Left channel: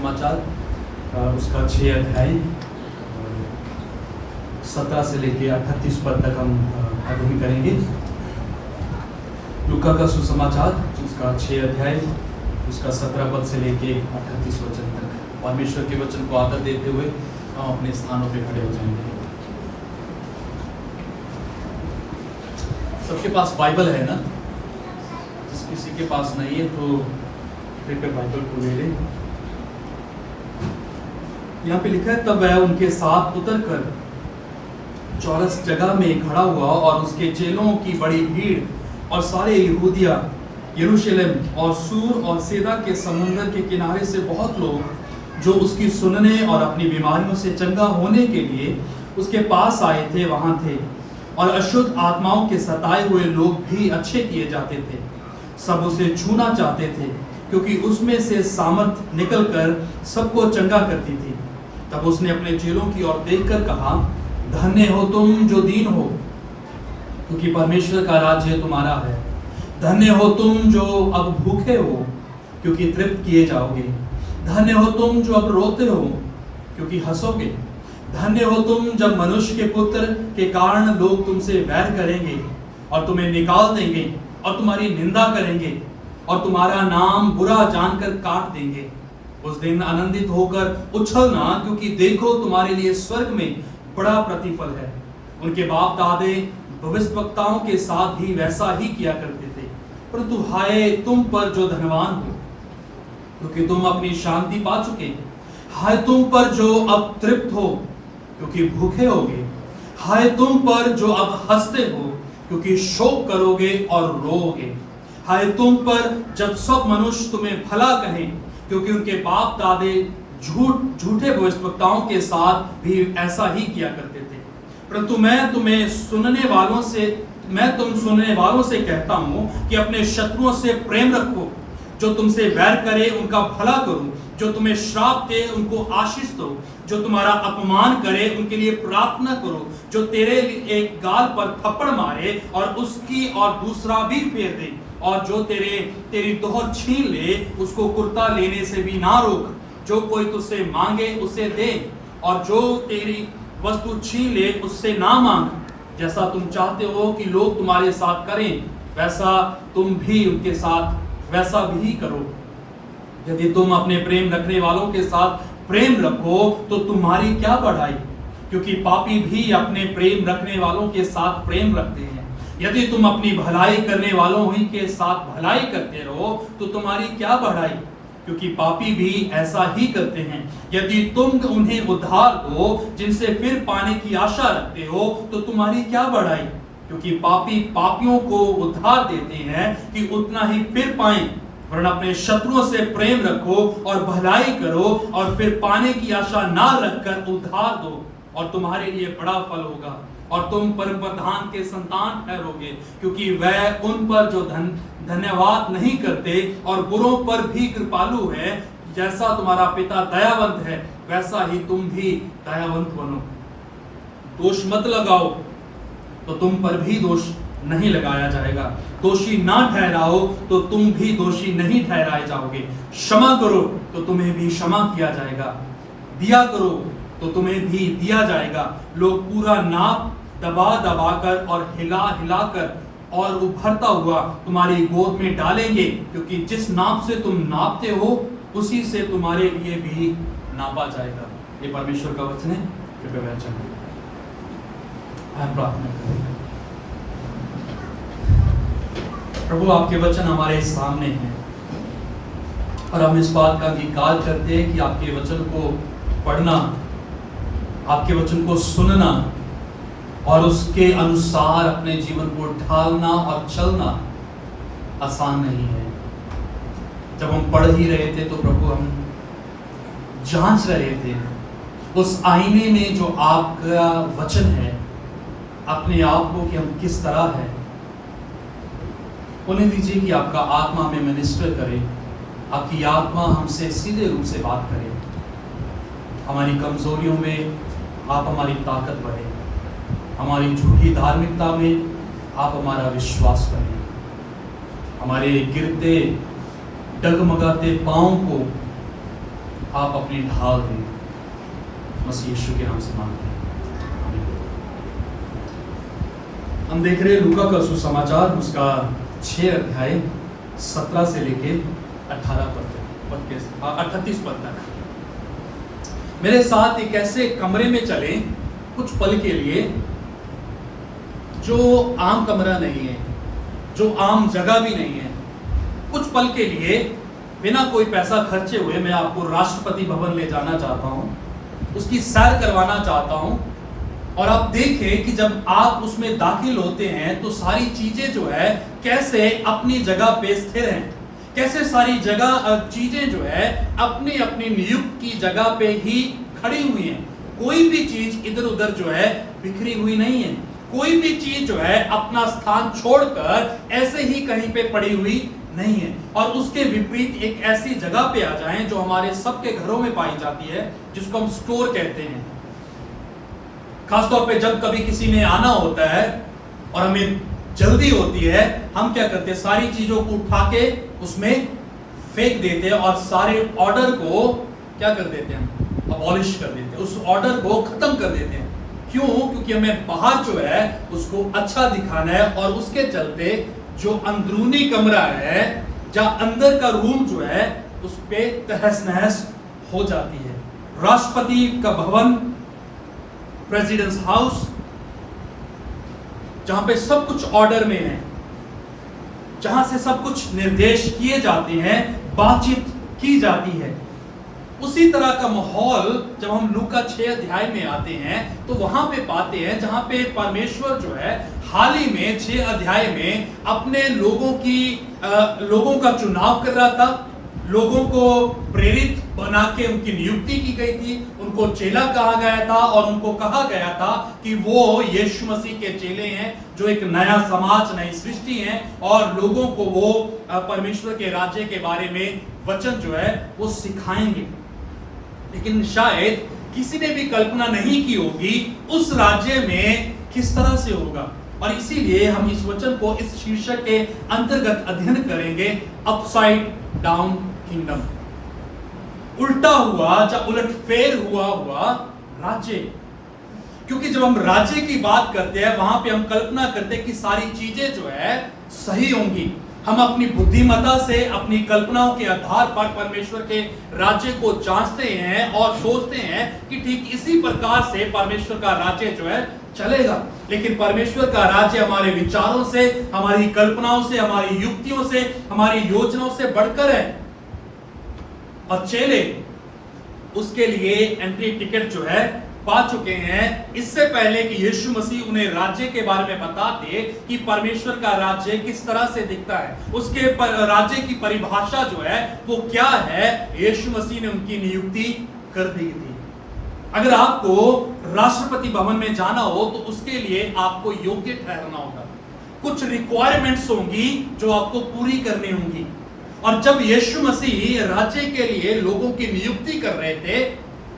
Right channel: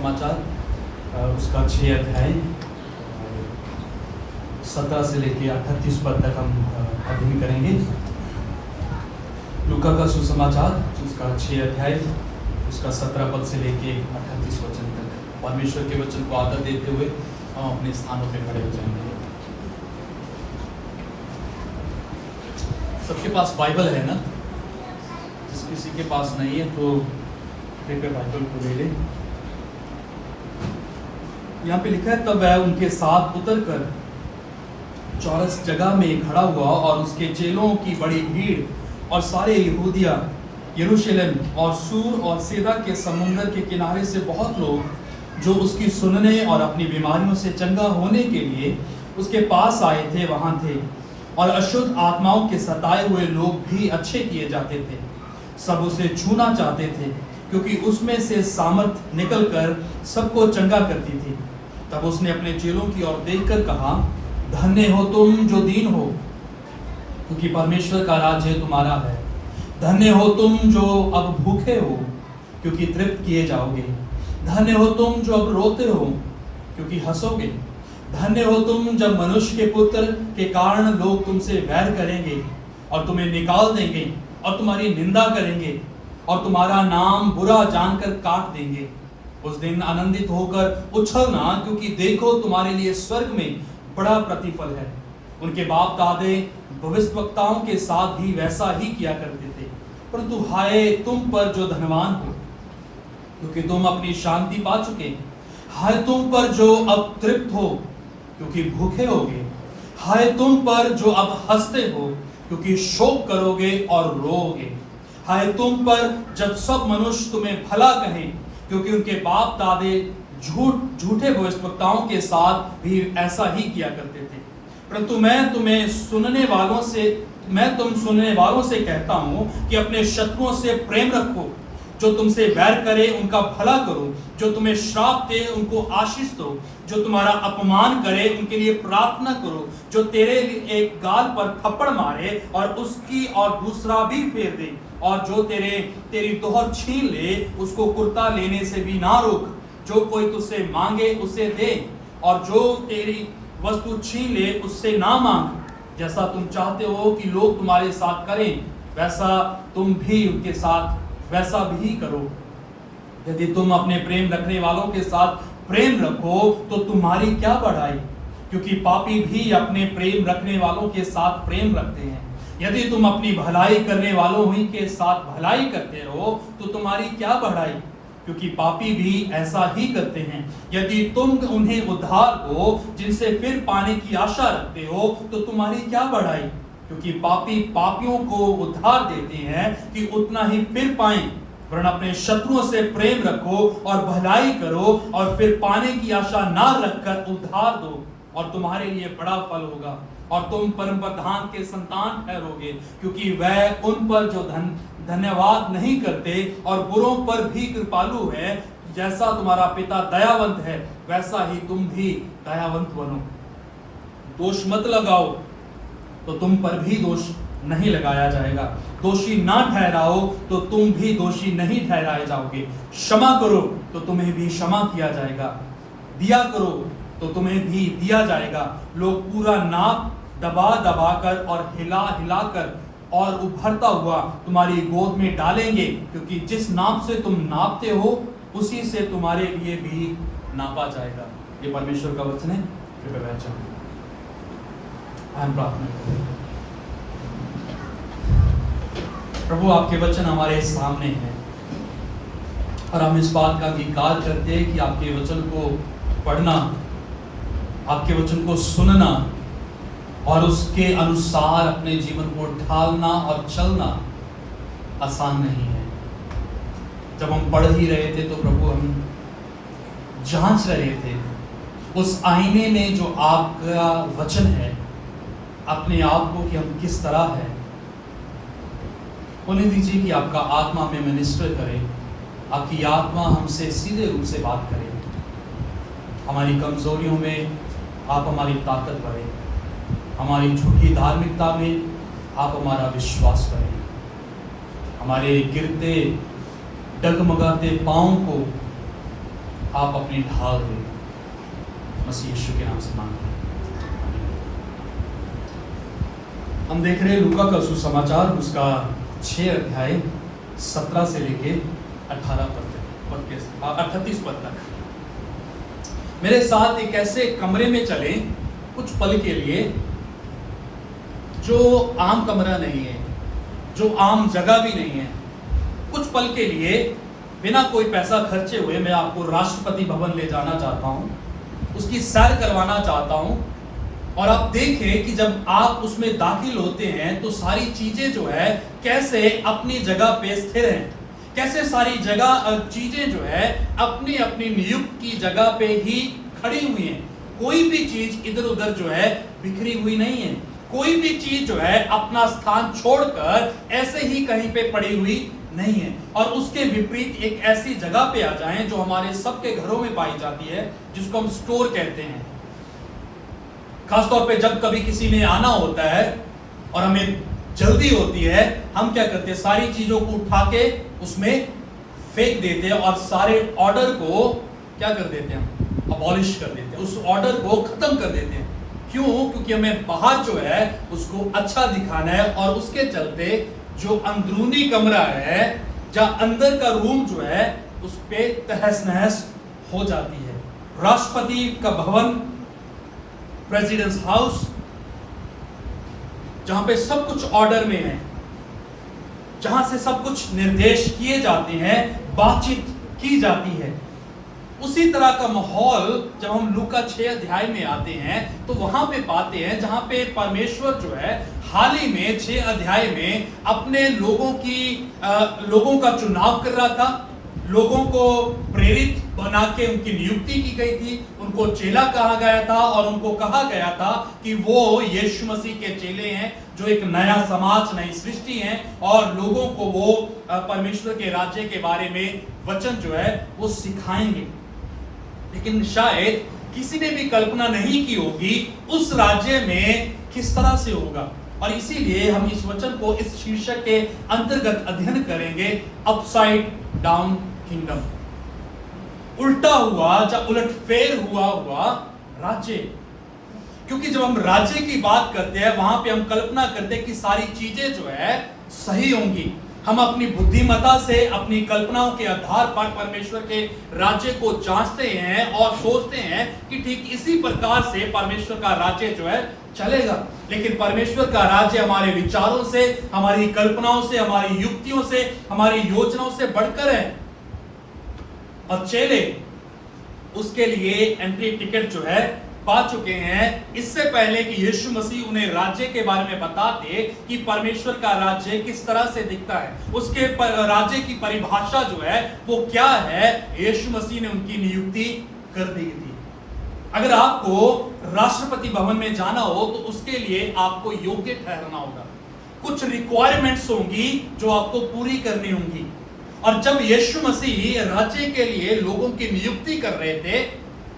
सुसमाचार उसका 6 अध्याय 17 से लेकर 38 पद तक हम अध्ययन करेंगे। लूका का सुसमाचार उसका 6 अध्याय उसका 17 पद से लेकर 38 वचन तक। परमेश्वर के वचन को आदर देते हुए हम अपने स्थानों पे खड़े हो जाएंगे। सबके पास बाइबल है ना? जिस किसी के पास नहीं है तो कृपया बाइबल को ले लें। यहाँ पे लिखा है, तब वह उनके साथ उतरकर चौरस जगह में खड़ा हुआ और उसके चेलों की बड़ी भीड़ और सारे यहूदिया, यरूशलेम और सूर और सैदा के समुद्र के किनारे से बहुत लोग जो उसकी सुनने और अपनी बीमारियों से चंगा होने के लिए उसके पास आए थे वहां थे। और अशुद्ध आत्माओं के सताए हुए लोग भी अच्छे किए जाते थे। सब उसे छूना चाहते थे क्योंकि उसमें से सामर्थ निकलकर सबको चंगा करती थी। तब उसने अपने चेलों की ओर देखकर कहा, धन्य हो तुम जो दीन हो, क्योंकि परमेश्वर का राज्य तुम्हारा है। धन्य हो तुम जो अब भूखे हो, क्योंकि तृप्त किए जाओगे। धन्य हो तुम जो अब रोते हो, क्योंकि हंसोगे। धन्य हो तुम जब मनुष्य के पुत्र के कारण लोग तुमसे वैर करेंगे और तुम्हें निकाल देंगे और तुम्हारी निंदा करेंगे और तुम्हारा नाम बुरा जानकर काट देंगे। उस दिन आनंदित होकर उछलना, क्योंकि देखो तुम्हारे लिए स्वर्ग में बड़ा प्रतिफल है। उनके बाप दादे भविष्यवक्ताओं के साथ भी वैसा ही किया करते थे। परंतु हाय तुम पर जो धनवान हो, क्योंकि तुम अपनी शांति पा चुके। हाय तुम पर जो अब तृप्त हो, क्योंकि भूखे होगे। हाय तुम पर जो अब हंसते हो, क्योंकि शोक करोगे और रोओगे। हाय तुम पर जब सब मनुष्य तुम्हें भला कहें, क्योंकि उनके बाप दादे झूठे भविष्यवक्ताओं के साथ भी ऐसा ही किया करते थे। परंतु मैं तुम सुनने वालों से कहता हूं कि अपने शत्रुओं से प्रेम रखो। जो तुमसे वैर करे उनका भला करो। जो तुम्हें श्राप दे उनको आशीष दो। जो तुम्हारा अपमान करे उनके लिए प्रार्थना करो। जो तेरे एक गाल पर थप्पड़ मारे और उसकी और दूसरा भी फेर दे, और जो तेरी दोहर छीन ले उसको कुर्ता लेने से भी ना रोक। जो कोई तुझसे मांगे उसे दे, और जो तेरी वस्तु छीन ले उससे ना मांग। जैसा तुम चाहते हो कि लोग तुम्हारे साथ करें, वैसा तुम भी उनके साथ वैसा भी करो। यदि तुम अपने प्रेम रखने वालों के साथ प्रेम रखो तो तुम्हारी क्या बढ़ाई, क्योंकि पापी भी अपने प्रेम रखने वालों के साथ प्रेम रखते हैं। यदि तुम अपनी भलाई करने वालों ही के साथ भलाई करते रहो तो तुम्हारी क्या बढ़ाई, क्योंकि पापी भी ऐसा ही करते हैं। यदि तुम उन्हें उद्धार दो जिनसे फिर पाने की आशा रखते हो तो तुम्हारी क्या बढ़ाई, क्योंकि पापी पापियों को उद्धार देते हैं कि उतना ही फिर पाएं। वरन अपने शत्रुओं से प्रेम रखो और भलाई करो, और फिर पाने की आशा ना रखकर उद्धार दो, और तुम्हारे लिए बड़ा फल होगा और तुम परम प्रधान के संतान ठहरोगे। क्योंकि वह उन पर जो धन्यवाद नहीं करते और बुरों पर भी कृपालु है। जैसा तुम्हारा पिता दयावंत है वैसा ही तुम भी दयावंत बनो। दोष मत लगाओ तो तुम पर भी दोष नहीं लगाया जाएगा। दोषी ना ठहराओ तो तुम भी दोषी नहीं ठहराए जाओगे। क्षमा करो तो तुम्हें भी क्षमा किया जाएगा। दिया करो तो तुम्हें भी दिया जाएगा। लोग पूरा नाप दबा दबाकर और हिला हिलाकर और उभरता हुआ तुम्हारी गोद में डालेंगे, क्योंकि जिस नाप से तुम नापते हो उसी से तुम्हारे लिए भी नापा जाएगा। ये परमेश्वर का वचन है। कृपया बैठ जाओ। हम प्रार्थना करें। प्रभु, आपके वचन हमारे सामने हैं और हम इस बात का अंगीकार करते हैं कि आपके वचन को पढ़ना, आपके वचन को सुनना और उसके अनुसार अपने जीवन को ढालना और चलना आसान नहीं है। जब हम पढ़ ही रहे थे तो प्रभु हम जांच रहे थे उस आईने में जो आपका वचन है, अपने आप को कि हम किस तरह है। उन्हें दीजिए कि आपका आत्मा में मिनिस्टर करे, आपकी आत्मा हमसे सीधे रूप से बात करे। हमारी कमजोरियों में आप हमारी ताकत बढ़े, हमारी झूठी धार्मिकता में आप हमारा विश्वास करें, हमारे गिरते डगमगाते पांव को आप अपनी ढाल देंगे। मसीह यीशु के नाम से मांगते हैं। हम देख रहे हैं लूका का सुसमाचार, उसका 6 अध्याय 17 से लेके 38 पद तक। मेरे साथ एक ऐसे कमरे में चले कुछ पल के लिए, जो आम कमरा नहीं है, जो आम जगह भी नहीं है। कुछ पल के लिए बिना कोई पैसा खर्चे हुए मैं आपको राष्ट्रपति भवन ले जाना चाहता हूँ, उसकी सैर करवाना चाहता हूँ। और आप देखें कि जब आप उसमें दाखिल होते हैं तो सारी चीजें जो है कैसे अपनी जगह पे स्थिर हैं, कैसे सारी जगह चीजें जो है अपनी अपनी नियुक्त की जगह पे ही खड़ी हुई हैं। कोई भी चीज इधर उधर जो है बिखरी हुई नहीं है। कोई भी चीज जो है अपना स्थान छोड़कर ऐसे ही कहीं पे पड़ी हुई नहीं है। और उसके विपरीत एक ऐसी जगह पे आ जाएं जो हमारे सबके घरों में पाई जाती है, जिसको हम स्टोर कहते हैं। खासतौर पे जब कभी किसी ने आना होता है और हमें जल्दी होती है, हम क्या करते हैं, सारी चीजों को उठा के उसमें फेंक देते हैं और सारे ऑर्डर को क्या कर देते हैं, हम अबॉलिश कर देते हैं, उस ऑर्डर को खत्म कर देते हैं। क्यों? क्योंकि हमें बाहर जो है उसको अच्छा दिखाना है, और उसके चलते जो अंदरूनी कमरा है, जहां अंदर का रूम जो है उस पे तहस नहस हो जाती है। राष्ट्रपति का भवन, प्रेसिडेंट्स हाउस, जहां पे सब कुछ ऑर्डर में है, जहां से सब कुछ निर्देश किए जाते हैं, बातचीत की जाती है, उसी तरह का माहौल जब हम लूका 6 अध्याय में आते हैं तो वहां पे पाते हैं, जहां पे परमेश्वर जो है हाल ही में 6 अध्याय में अपने लोगों का चुनाव कर रहा था। लोगों को प्रेरित बना के उनकी नियुक्ति की गई थी, उनको चेला कहा गया था, और उनको कहा गया था कि वो यीशु मसीह के चेले हैं, जो एक नया समाज, नई सृष्टि है, और लोगों को वो परमेश्वर के राज्य के बारे में वचन जो है वो सिखाएंगे। लेकिन शायद किसी ने भी कल्पना नहीं की होगी उस राज्य में किस तरह से होगा। और इसीलिए हम इस वचन को इस शीर्षक के अंतर्गत अध्ययन करेंगे, अपसाइड डाउन किंगडम, उल्टा हुआ या उलटफेर हुआ राज्य। क्योंकि जब हम राज्य की बात करते हैं, वहां पे हम कल्पना करते हैं कि सारी चीजें जो है सही होंगी। हम अपनी बुद्धिमत्ता से, अपनी कल्पनाओं के आधार पर परमेश्वर के राज्य को जांचते हैं और सोचते हैं कि ठीक इसी प्रकार से परमेश्वर का राज्य जो है चलेगा। लेकिन परमेश्वर का राज्य हमारे विचारों से, हमारी कल्पनाओं से, हमारी युक्तियों से, हमारी योजनाओं से बढ़कर है। और चेले उसके लिए एंट्री टिकट जो है पा चुके हैं, इससे पहले कि यीशु मसीह उन्हें राज्य के बारे में बताते कि परमेश्वर का राज्य किस तरह से दिखता है, उसके राज्य की परिभाषा जो है वो क्या है, यीशु मसीह ने उनकी नियुक्ति कर दी थी। अगर आपको राष्ट्रपति भवन में जाना हो तो उसके लिए आपको योग्य ठहरना होगा, कुछ रिक्वायरमेंट्स होंगी जो आपको पूरी करनी होंगी। और जब यीशु मसीह राज्य के लिए लोगों की नियुक्ति कर रहे थे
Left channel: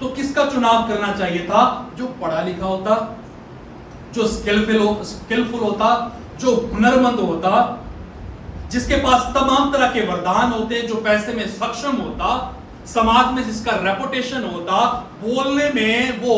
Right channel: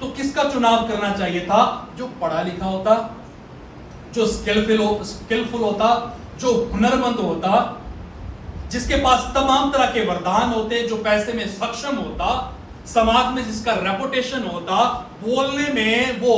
तो किसका चुनाव करना चाहिए था? जो पढ़ा लिखा होता, जो स्किलफुल होता, जो हुनरमंद होता, जिसके पास तमाम तरह के वरदान होते, जो पैसे में सक्षम होता, समाज में जिसका रेपुटेशन होता, बोलने में वो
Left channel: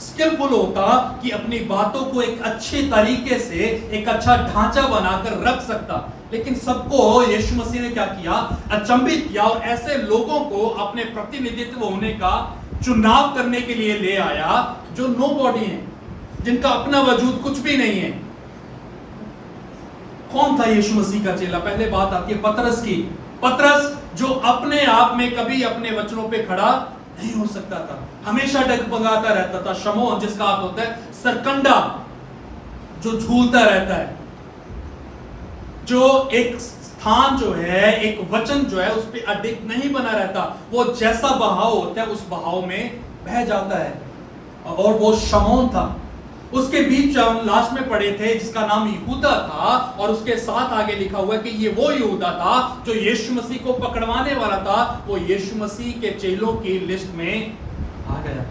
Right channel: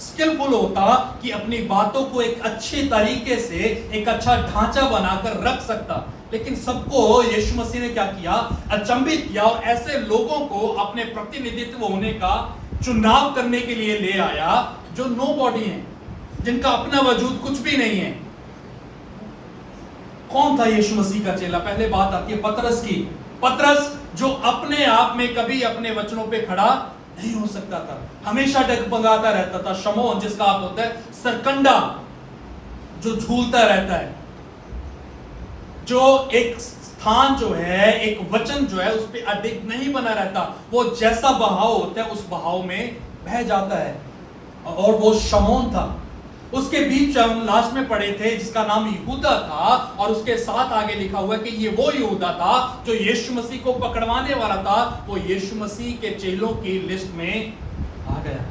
स्किलफुल होता कि अपनी बातों को एक अच्छे तरीके से, एक अच्छा ढांचा बनाकर रख सकता। लेकिन सबको यीशु मसीह ने क्या किया? अचंभित किया, और ऐसे लोगों को अपने प्रतिनिधित्व होने का चुनाव करने के लिए ले आया जो नो बॉडी है, जिनका अपना वजूद कुछ भी नहीं है। कौन था यीशु मसीह का चेला? पहले बात आती है पतरस की। पतरस जो अपने आप में कभी अपने वचनों पे खड़ा नहीं हो सकता था, हमेशा डगमगाता रहता था। शमौन, जिसका अर्थ होता है सरकंडा, जो झूलता रहता है, जो एक स्थान जो है, एक वचन जो है उस पर अडिग नहीं बना रहता, वो जैसा बहाव होता है उस बहाव में बह जाता है। और वो शमौन था। उसके बीच हम लास्ट में पढ़े थे जिसका नाम यहूदा था, और उसके साथ आगे लिखा हुआ है कि ये वो यहूदा था जो यीशु मसीह को पकड़वाने वाला था। वो यीशु मसीह के चेलों की लिस्ट में आ गया।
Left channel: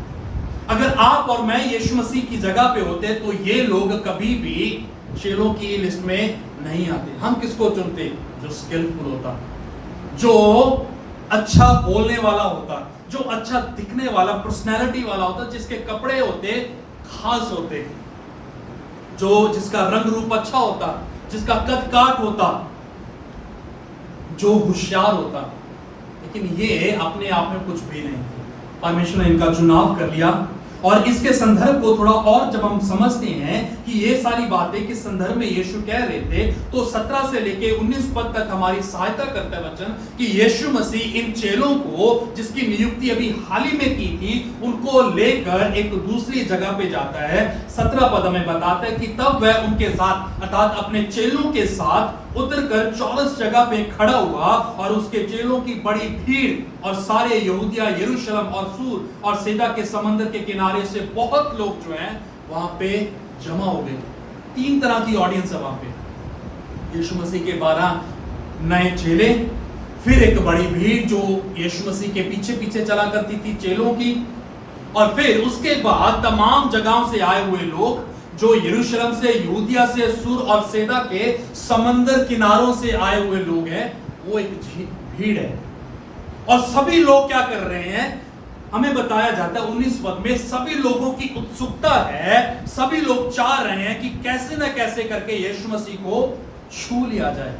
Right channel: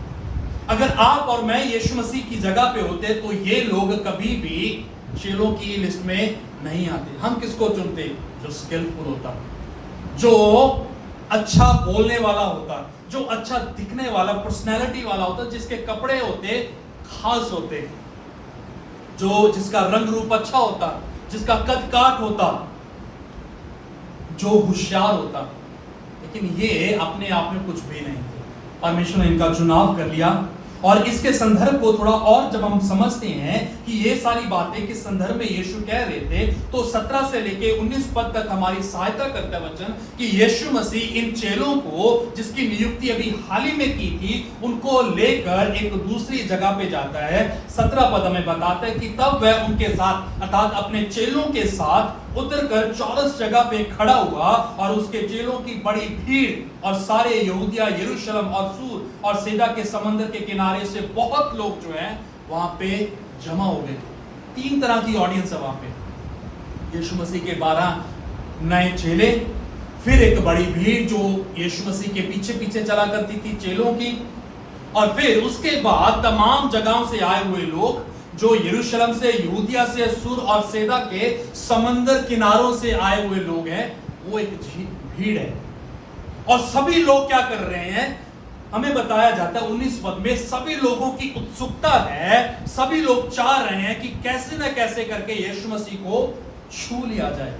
अगर आप और मैं यीशु मसीह की जगह पे होते तो ये लोग कभी भी चेलों की लिस्ट में नहीं आते। हम किसको चुनते? जो स्किलफुल होता, जो अच्छा बोलने वाला होता, जो अच्छा दिखने वाला, पर्सनैलिटी वाला होता, जिसके कपड़े होते खास होते, जो जिसका रंग रूप अच्छा होता, जिसका कद काट होता, जो होशियार होता। लेकिन ये अपने आप में कुछ भी नहीं थे। परमेश्वर ने इनका चुनाव कर लिया। और इसके संदर्भ को थोड़ा और जब हम समझते हैं कि ये सारी बातें किस संदर्भ में यीशु कह रहे थे, तो 17 से लेके 19 पद तक हमारी सहायता करता है वचन कि यीशु मसीह इन चेलों को, जिसकी नियुक्ति अभी हाल ही में की थी, उनको लेकर एक दूसरी जगह पे जाता है। 17 पद हमें बताता है कि तब वह उनके साथ अर्थात अपने चेलों के साथ उतरकर चौरस जगह पे खड़ा हुआ और उसके चेलों की बड़ी भीड़ और सारे यहूदिया, यरूशलेम और सूर और सैदा के समंदर के किनारे से बहुत लोग जो हैं वहां पे जमा हो गए। 3 तरह की ऑडियंस है वहां पे। यीशु मसीह के 12 नए चेले, फिर एक बड़ी भीड़ जो यीशु मसीह के पीछे पीछे चला करती थी चेलों की, और फिर उसके बाद तमाम जगहों से आए हुए लोग जो यरूशलेम से, यहूदिया से, सूर और सैदा के समंदर किनारों से आए हुए लोग हैं। वो एक भीड़ है। और सभी लोग क्या कर रहे हैं, हमें बताया जाता है 19 पद में, सभी लोगों की उत्सुकता है, सभी लोग चाह रहे हैं कि कैसे ना कैसे करके यीशु मसीह को छू लिया जाए।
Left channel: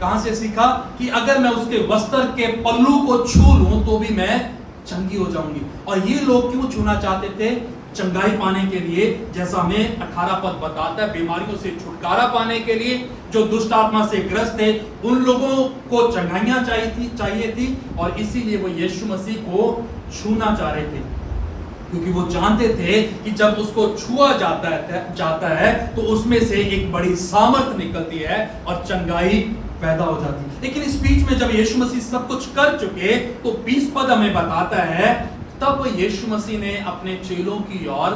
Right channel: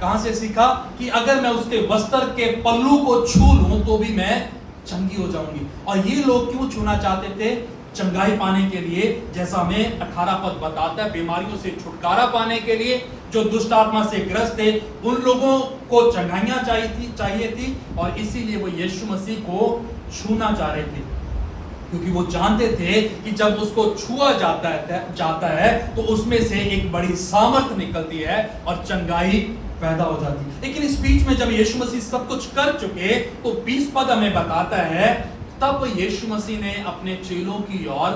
कहां से सीखा कि अगर मैं उसके वस्त्र के पल्लू को छू लूं तो भी मैं चंगी हो जाऊंगी। और ये लोग क्यों छूना चाहते थे? चंगाई पाने के लिए, जैसा हमें 18 पद बताता है, बीमारियों से छुटकारा पाने के लिए, जो दुष्ट आत्मा से ग्रस्त थे उन लोगों को चंगाइयां चाहिए थी और इसीलिए वो यीशु मसीह को छूना चाह रहे थे, क्योंकि वो जानते थे कि जब उसको छुआ जाता है तो उसमें से एक बड़ी सामर्थ निकलती है और चंगाई पैदा हो जाती है। लेकिन इस बीच में जब यीशु मसीह सब कुछ कर चुके तो 20 पद हमें बताता है, तब यीशु मसीह ने अपने चेलों की ओर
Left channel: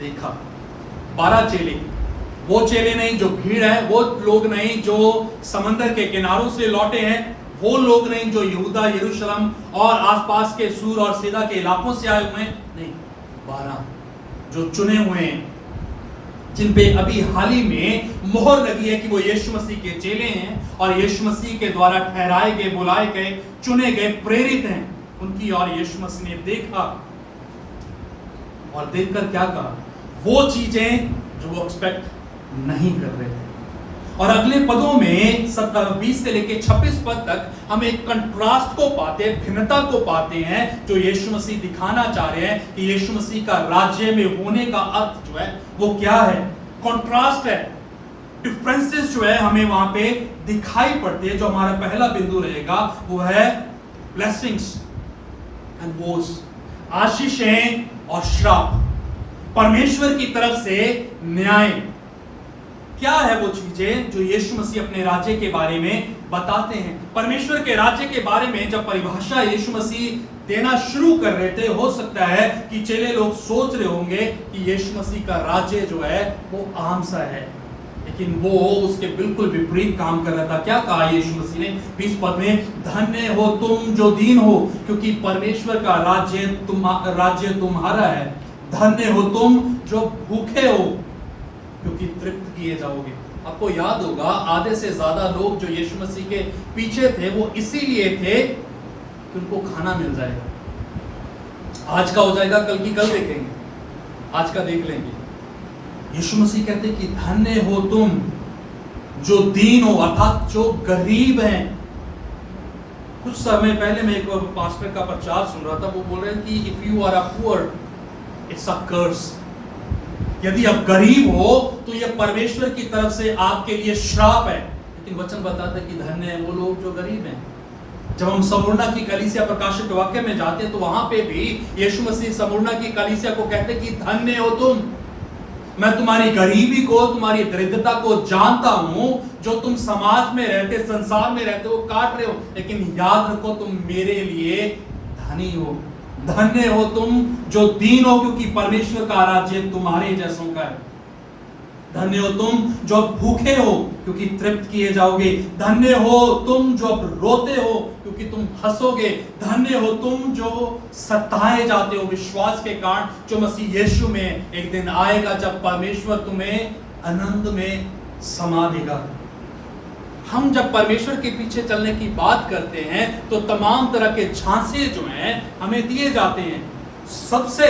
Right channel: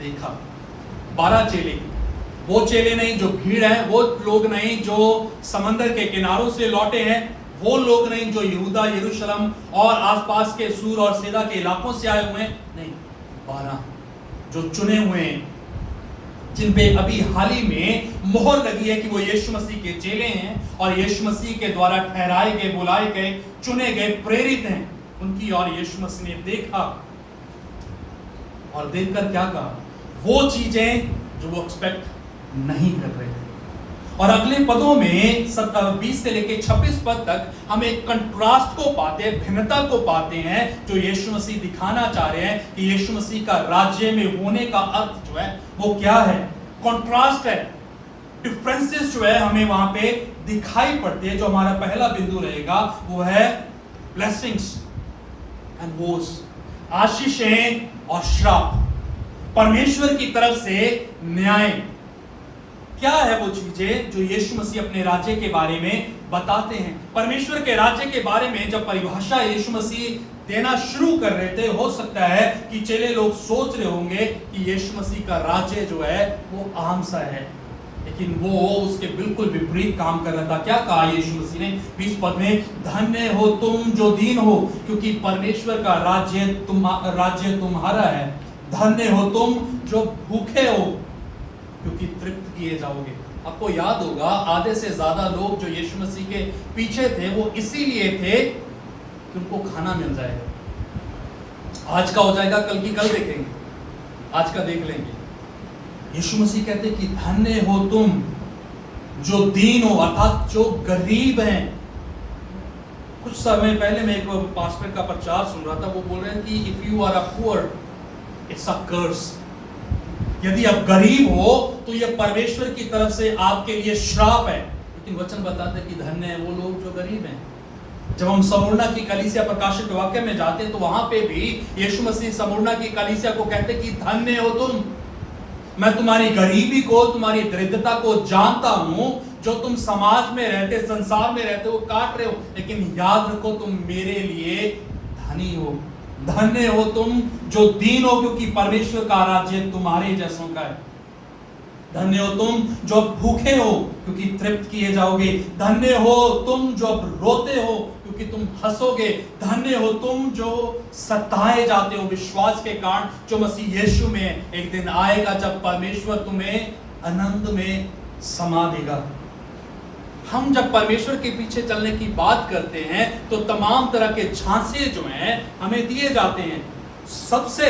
देखा। 12 चेले, वो चेले नहीं जो भीड़ है, वो लोग नहीं जो समंदर के किनारों से लौटे हैं, वो लोग नहीं जो यहूदा, यरूशलेम और आसपास के सूर और सैदा के इलाकों से आए हुए हैं, नहीं, 12 जो चुने हुए हैं, जिन पे अभी हाल ही में मोहर लगी है कि वो यीशु मसीह के चेले हैं और यीशु मसीह के द्वारा ठहराए गए, बुलाए गए, चुने गए, प्रेरित हैं। उनकी और यीशु मसीह ने देखा और देखकर क्या कहा? वो चीजें जो वो एक्सपेक्ट नहीं कर रहे थे। और अगले पदों में 20 से लेकर 26 पद तक हम एक कंट्रास्ट को पाते हैं, भिन्नता को पाते हैं, जो यीशु मसीह दिखाना चाह रहे हैं कि यीशु मसीह का राज्य में होने का अर्थ जो है वो क्या है। कंट्रास्ट है, डिफरेंसेस जो है हमें वहां पे दिखाई पड़ते हैं। जो हमारा पहला बिंदु रहेगा वो है ब्लेसिंग्स एंड वोस, आशीषें और श्राप, परमेश्वर की तरफ से न्याय। क्या है वो चीजें जो यीशु मसीह अपने राज्य के बारे में बताते हैं? परमेश्वर के राज्य के बारे में जब परिभाषा यीशु मसीह देना शुरू कर रहे थे, हो सकता है कि चेले लोग सोच रहे होंगे कि यीशु मसीह का राज्य जो है वो आम सा है, लेकिन वो उसके बिल्कुल विपरीत काम कर रहा था। क्या कहा यीशु मसीह ने 20 पद में? धन्य हो तुम जो दीन हो, क्योंकि परमेश्वर का राज्य तुम्हारा है। धन्य हो तुम जो भूखे हो, क्योंकि तृप्त किए जाओगे। आपको याद होगा आधे से ज्यादा लोग जो यीशु मसीह के पीछे थे वो इसीलिए थे कि उनको खाना मिल जाएगा। आज का हो जाएगा, कल की कल देखेंगे, आज का देख लेंगे। यीशु मसीह कहते कि धन्य हो तुम जो दीन हो, अर्थात जो गरीब हैं। कुछ समय पहले मैं एक पास्टर का प्रचार सुन रहा था, वो बोल रहे हैं कि if you are a poor it's a curse. यदि आप गरीब हो तो यह परमेश्वर की तरफ से आपके लिए श्राप है। लेकिन वचन बताता है कि धन्य है वो लोग जो गरीब हैं। जब हम समूरना की कलीसिया प्रकाशित वाक्य में जाते हैं तो वहां पे भी यीशु मसीह समूरना की कलीसिया को कहते कि धन्य हो तुम, मैं तुम्हारी गरीबी को, तुम्हारी दरिद्रता को जानता हूं, जो तुम समाज में रहते, संसार में रहते हो, काट रहे हो, लेकिन याद रखो तुम मेरे लिए धनी हो। धन्य हो तुम जो दीन हो, क्योंकि परमेश्वर का राज्य तुम्हारे जैसों का है। धन्य हो तुम जो भूखे हो, क्योंकि तृप्त किए जाओगे। धन्य हो तुम जो अब रोते हो, क्योंकि तुम हंसोगे। धन्य हो तुम जो सताए जाते हो विश्वास के कारण, जो मसीह यीशु में एक दिन आएगा जब परमेश्वर तुम्हें आनंद में समा देगा। हम जब परमेश्वर के पीछे चलने की बात करते हैं तो तमाम तरह के झांसे जो हैं हमें दिए जाते हैं। सबसे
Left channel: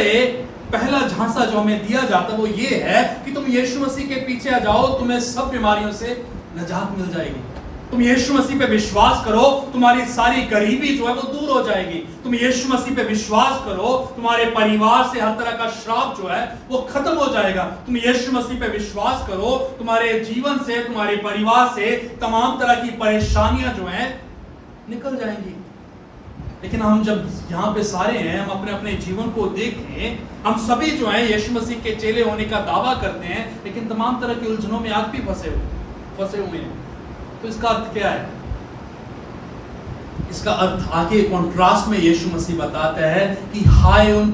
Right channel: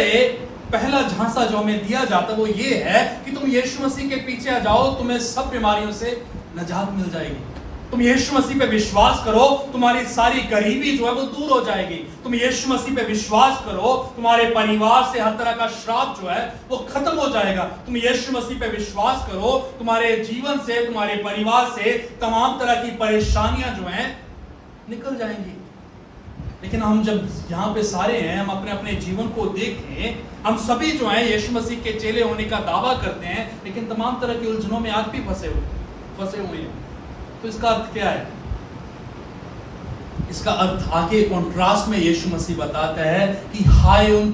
पहला झांसा जो हमें दिया जाता वो ये है कि तुम यीशु मसीह के पीछे आ जाओ, तुम्हें सब बीमारियों से निजात मिल जाएगी। तुम यीशु मसीह पे विश्वास करो, तुम्हारी सारी गरीबी जो है वो दूर हो जाएगी। तुम यीशु मसीह पे विश्वास करो, तुम्हारे परिवार से हर तरह का श्राप जो है वो खत्म हो जाएगा। तुम यीशु मसीह पे विश्वास करो, तुम्हारे जीवन से, तुम्हारे परिवार से तमाम तरह की परेशानियां जो हैं निकल जाएंगी। लेकिन हम जब यहाँ पे सारे हैं, हम अपने अपने जीवन को देखें, हम सभी जो हैं यीशु मसीह के चेले होने का दावा करते हैं, लेकिन तमाम तरह की उलझनों में आज भी फंसे हुए हैं। तो इसका अर्थ क्या है? इसका अर्थ आगे कॉन्ट्रास्ट में यीशु मसीह बताता है कि हाय उन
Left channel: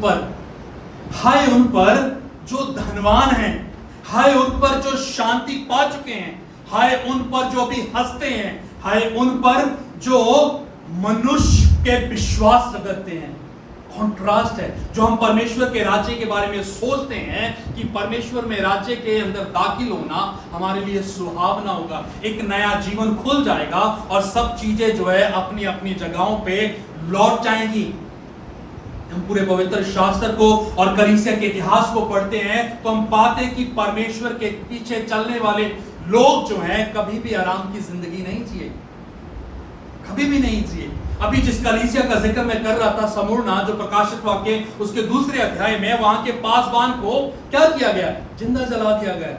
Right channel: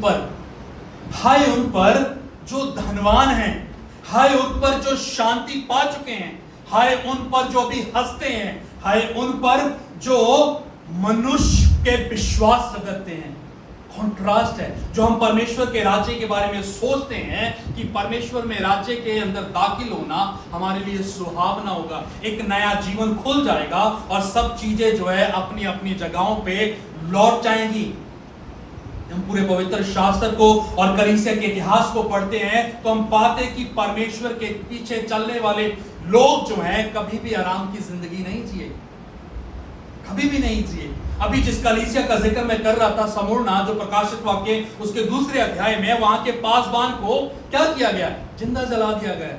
पर जो धनवान हैं, हाय उन पर जो शांति पा चुके हैं, हाय उन पर जो भी हंसते हैं, हाय उन पर जो मनुष्य के विश्वास करते हैं। कॉन्ट्रास्ट है। जो हम परमेश्वर के राज्य के बारे में सोचते हैं कि परमेश्वर में राज्य के अंदर दाखिल होना हमारे लिए सुहावना होगा, एक नया जीवन खुल जाएगा और सब चीजें जो है अपनी अपनी जगहों पे लौट जाएंगी। हम पूरे पवित्र शास्त्र को और कलीसिया के इतिहास को पढ़ते हैं तो हम पाते हैं कि परमेश्वर के पीछे चलने वाले लोग जो हैं कभी भी आराम की जिंदगी नहीं जिए, कभी भी नहीं जिए। अभी जिस कलीसिया का जिक्र मैं कर रहा था, समूरना, जो प्रकाशित वाक्य उसके दूसरे अध्याय में, वहां के पासबान को क्या किया गया? जिंदा जला दिया गया।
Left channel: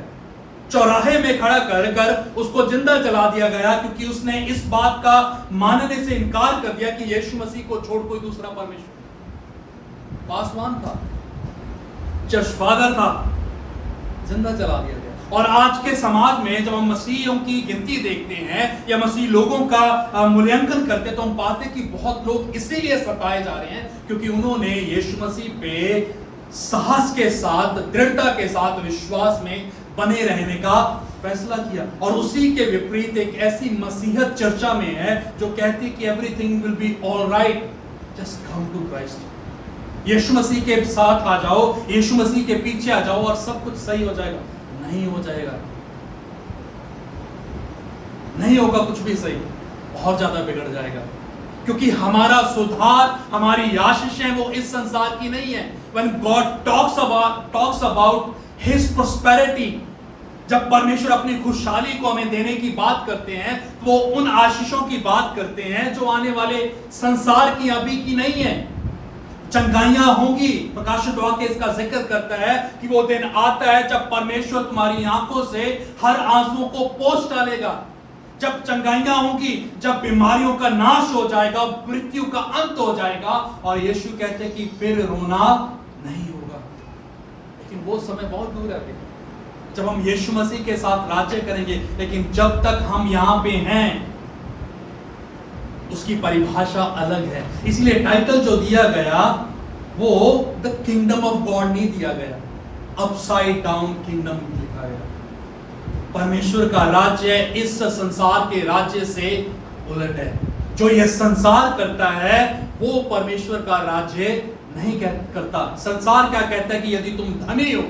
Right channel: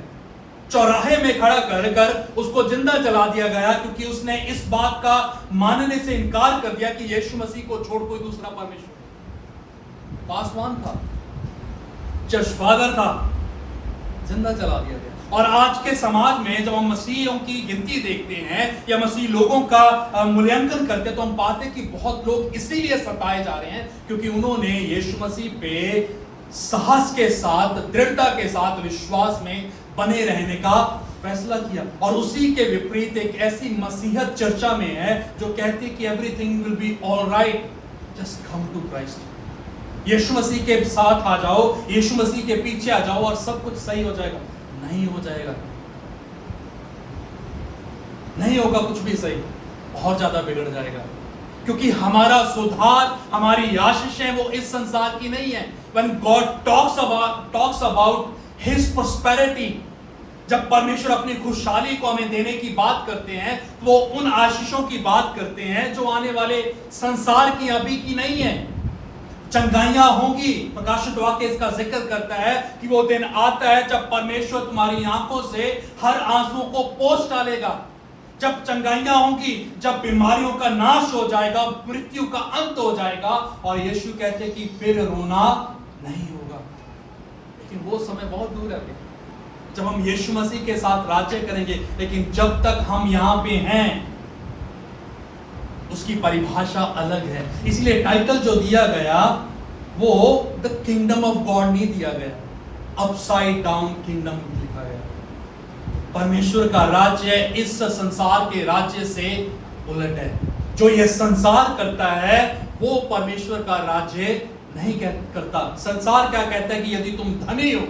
चौराहे में खड़ा कर उसको जिंदा जला दिया गया, क्योंकि उसने इस बात का मानने से इनकार कर दिया कि यीशु मसीह को छोड़ कोई दूसरा परमेश्वर। पासवान था, चर्च फादर था, जिंदा जला दिया गया। और आज के समाज में जब हम मसीहियों की गिनती देखते हैं या मसीह लोगों का मूल्यांकन करते हैं तो हम पाते हैं कि बहुत लोग इसीलिए सताए जा रहे हैं क्योंकि उन्होंने यीशु मसीह पे साहस के साथ, दृढ़ता के साथ विश्वास में बने रहने का फैसला किया। और उसी के विपरीत एक ऐसी मसीहत चर्चा में है जो कहती है कि everything will be alright, just come to Christ. Yeshu Masih के साथ आ जाओ, यीशु मसीह के पीछे आ जाओ और सब कुछ सही हो जाएगा। नहीं हो जाएगा, नहीं होगा कुछ भी सही, बहुत ज्यादा बिगड़ जाएगा। क्योंकि हमारा सुधार, हमारी आशीषें वो इस संसार की नहीं है। When God talks about His prosperity, जब परमेश्वर अपनी खुशहाली को हमें देने की बात करते हैं तो वो उन आशीषों की बात करते हैं जो आने वाले संसार की, अभी की नहीं है। चंगाइयां होंगी, प्रकाशित वाक्य इसका जिक्र करता है कि वो दिन आता है जब परमेश्वर तुम्हारी आंखों से हर आंसुओं को पोंछ डालेगा। जब चंगाइयां होंगी, जब बीमारियों का नाश हो जाएगा, मृत्यु का अंत हो जाएगा, और यीशु कहते हैं कि फिर रोना नहीं होगा। लेकिन वो समय बहुत दूर है अभी, जब हम यीशु मसीह के साथ राज्य करेंगे। लेकिन जब तक हम यहां पे हैं उसकी परिभाषा अलग है। इसलिए टाइटल जो दिया गया वो द किंगडम ऑफ गॉड नहीं दिया गया, अपसाइड डाउन किंगडम लिखा गया। परमेश्वर का राज्य इस संसार के राज्य से उलट है। जो यह संसार करता है वो परमेश्वर का राज्य नहीं करता। संसार क्या कहता है कि यदि तुम धनी हो,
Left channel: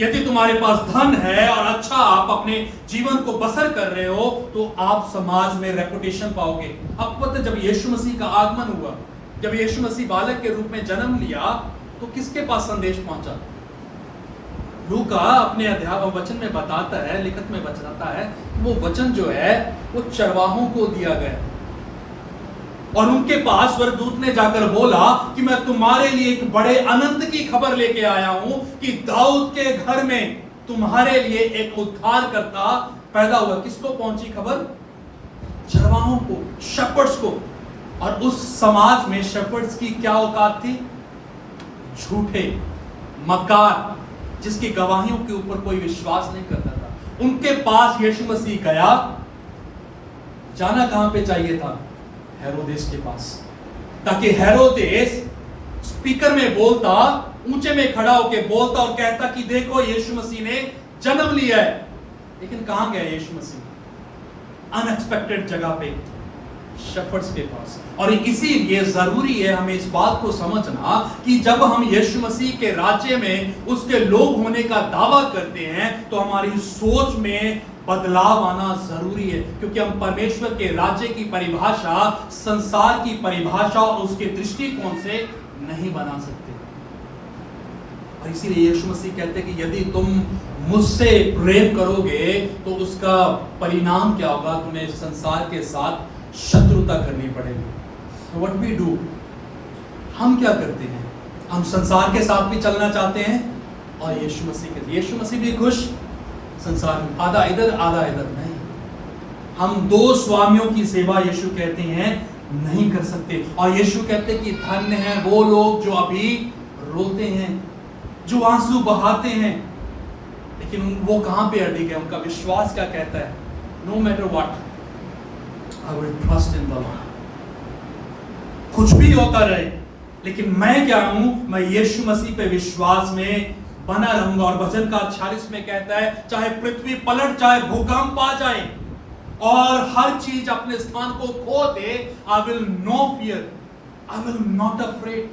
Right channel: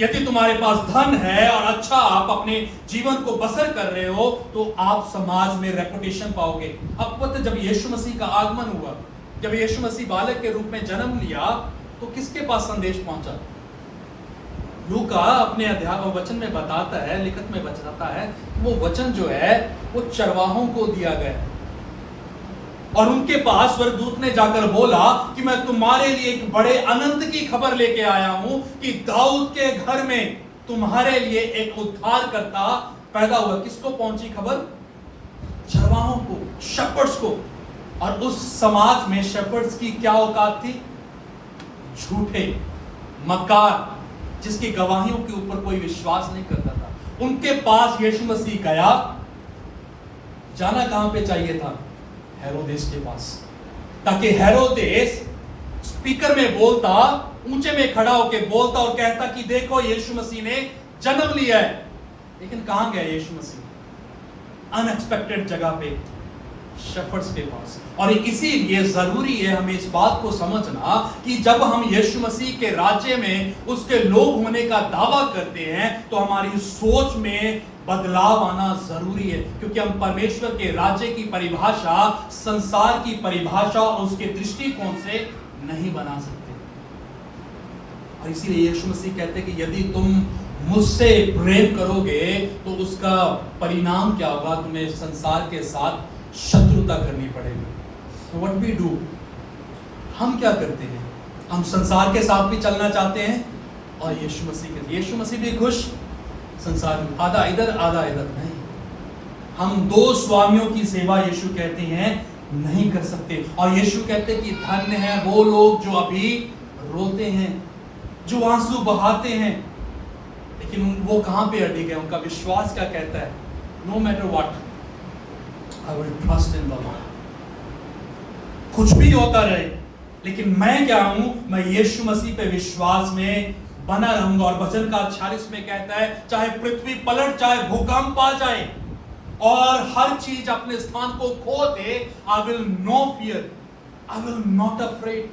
यदि तुम्हारे पास धन है और अच्छा आप अपने जीवन को बसर कर रहे हो तो आप समाज में रेपुटेशन पाओगे। अब पता, जब यीशु मसीह का आगमन हुआ, जब यीशु मसीह बालक के रूप में जन्म लिया तो किसके पास संदेश पहुंचा? लूका अपने अध्याय वचन में बताता है, लिखत में बताता है, वो वचन जो है वो चरवाहों को दिया गया और उनके पास स्वर्गदूत ने जाकर बोला कि मैं तुम्हारे लिए एक बड़े आनंद की खबर लेके आया हूं कि दाऊद के घर में तुम्हारे लिए एक उद्धारकर्ता पैदा हुआ। किसको पहुंची खबर? चरवाहों को, शेपर्ड्स को। और उस समाज में शेपर्ड्स की क्या औकात थी? झूठे, मक्कार, जिसकी गवाहियों के ऊपर कोई विश्वास नहीं करता था। उनके पास यीशु मसीह गया। जाना कहां पे चाहिए था? हेरोदेस के पास, ताकि हेरोदेस स्पीकर में बोलता, ऊंचे में खड़ा होकर बोलता और कहता कि देखो यीशु मसीह ने जन्म लिया है। लेकिन कहां गया यीशु मसीह? अनएक्सपेक्टेड जगह पे। शेफर्ड्स के पास। और इसीलिए जरूरी है हमें इस बात को समझना कि जब हम यीशु मसीह के राज्य में उसके लोग होने का दावा करते हैं तो हमारी सोच में बदलाव आना जरूरी है, क्योंकि हम परमेश्वर के राज्य की परिभाषा संसार की परिभाषा और उसके दृष्टिकोण से नहीं बना सकते। और इसीलिए यीशु मसीह कहते हैं कि यदि तुम मुझसे प्रेम करोगे तो उसका परिणाम क्या होगा, तुम्हें संसार के साथ शत्रुता करनी पड़ेगी। तो व्हाट वी डू, हम क्या करते हैं, हम संसार के साथ भी चलना चाहते हैं और यीशु मसीह भी खुश संसार में, आधा इधर आधा इधर नहीं। हम दो स्वामियों की सेवा यीशु कहते हैं नहीं कर सकते। और यीशु कहते हैं कि धन्य है वो लोग जो अभी रोते हैं, जो आंसू बहाते हैं, लेकिन वो कहां पे अड़े गए, उनका विश्वास क्या कहता है, no matter what I will trust in the Lord. कुछ भी होता रहे लेकिन मैं क्या हूं, मैं यीशु मसीह पे विश्वास में बना रहूंगा। और भजन का 46 में कहता है चाहे पृथ्वी पलट जाए, भूकंप आ जाए और हर चीज अपने स्थान को खो दे, I will no fear, I will not afraid,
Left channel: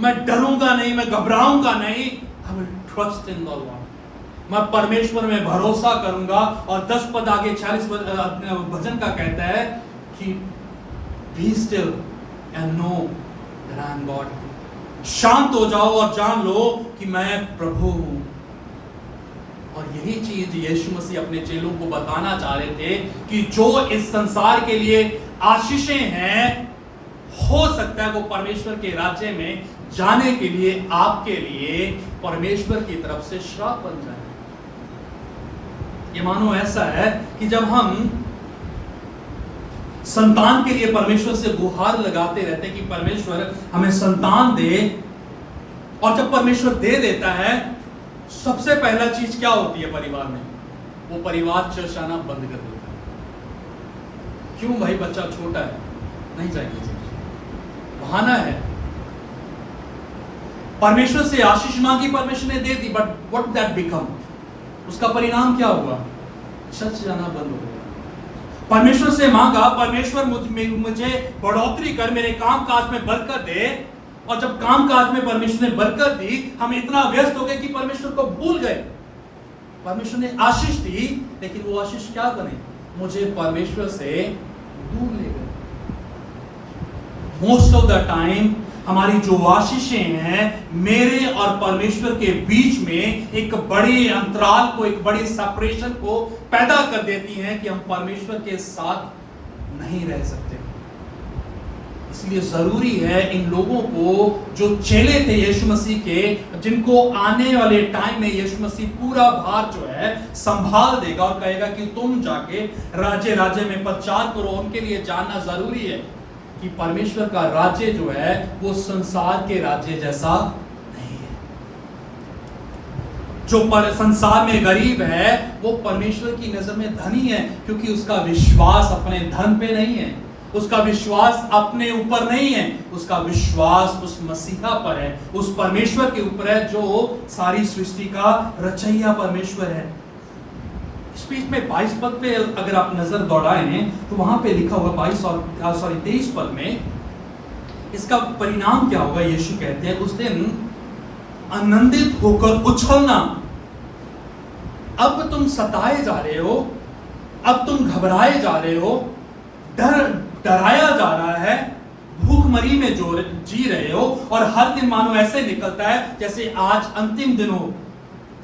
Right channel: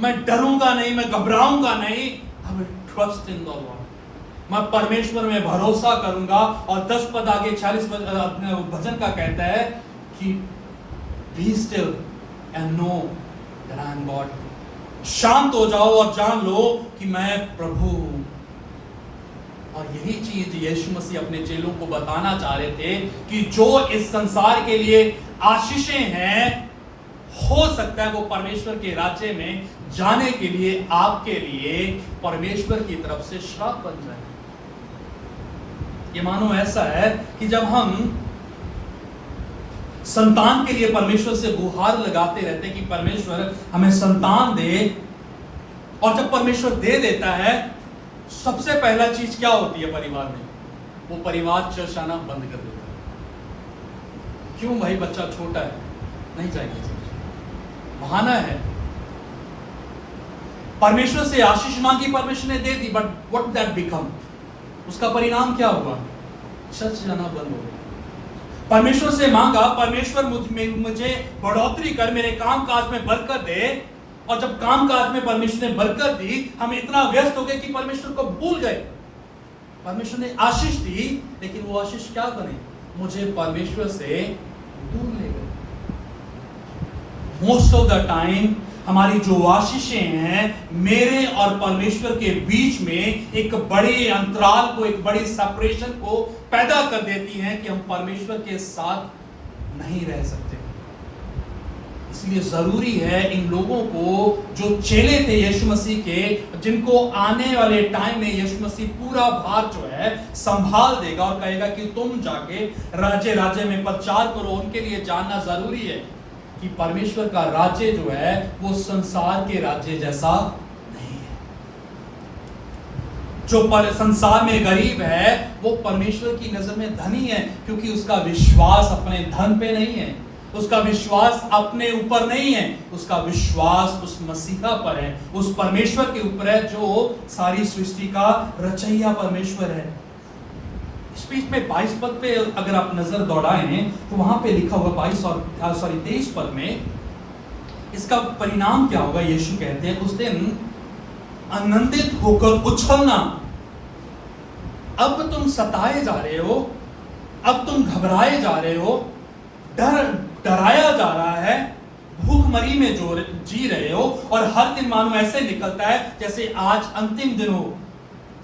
मैं डरूंगा नहीं, मैं घबराऊंगा नहीं, I will trust in the Lord, मैं परमेश्वर में भरोसा करूंगा। और 10 पद आगे 46 भजन का कहता है कि be still and know that I am God, शांत हो जाओ और जान लो कि मैं प्रभु हूं। और यही चीज यीशु मसीह अपने चेलों को बताना चाह रहे थे कि जो इस संसार के लिए आशीषें हैं, हो सकता है वो परमेश्वर के राज्य में जाने के लिए आपके लिए परमेश्वर की तरफ से श्राप बन जाए। ये मानो ऐसा है कि जब हम संतान के लिए परमेश्वर से गुहार लगाते रहते हैं कि परमेश्वर हमें संतान दे, और जब परमेश्वर दे देता है सबसे पहला चीज क्या होती है परिवार में, वो परिवार चर्चाना बंद कर देता है। क्यों भाई, बच्चा छोटा है, नहीं जाएंगे, बहाना है। परमेश्वर से आशीष मांगी, परमेश्वर ने दे दी, बट व्हाट दैट बिकम, उसका परिणाम क्या हुआ, चर्च जाना बंद हो गया। परमेश्वर से मांगा, परमेश्वर मुझे बढ़ोतरी कर, मेरे काम काज में बरकत दे, और जब काम काज में परमेश्वर ने बरकत दी, हम इतना व्यस्त हो गए कि परमेश्वर को भूल गए। परमेश्वर ने आशीष दी, लेकिन वो आशीष क्या बने, मुझे परमेश्वर से दूर ले गए। मोस्ट ऑफ द टाइम हमारी जो आशीषें हैं मेरे और परमेश्वर के बीच में एक बड़े अंतराल को, एक बड़ी सेपरेशन को पैदा कर देती हैं कि हम परमेश्वर के साथ नहीं रह सकते। इसलिए जरूरी है इन लोगों को, जो चेले थे यीशु मसीह के, जिनको आने वाले टाइम में यीशु मसीह पूरा भार जो है संभाल देगा और कहेगा कि तुम जाके राज्य राज्य में प्रचार करो, उनके लिए जानना जरूरी है कि परमेश्वर का राज्य जो है वो संसार के राज्य जैसा नहीं है। जो संसार में गरीब है वो परमेश्वर की नजर में धनी है, क्योंकि उसका विश्वास अपने धन पे नहीं है, उसका विश्वास अपने ऊपर नहीं है, उसका विश्वास उस मसीहा पर है, उस परमेश्वर के ऊपर है जो सारी सृष्टि का रचयिता परमेश्वर है। इस बीच में 22 पद पे अगर आप नजर दौड़ाएं तो वहां पे लिखा हुआ 23 पद में इसका परिणाम क्या होगा। यीशु कहते हैं उस दिन आनंदित होकर उछलना। अब तुम सताए जा रहे हो, अब तुम घबराए जा रहे हो, डराया जा रहा है, भूखमरी में जो जी रहे हो, और हर दिन मानो ऐसे निकलता है जैसे आज अंतिम दिन हो,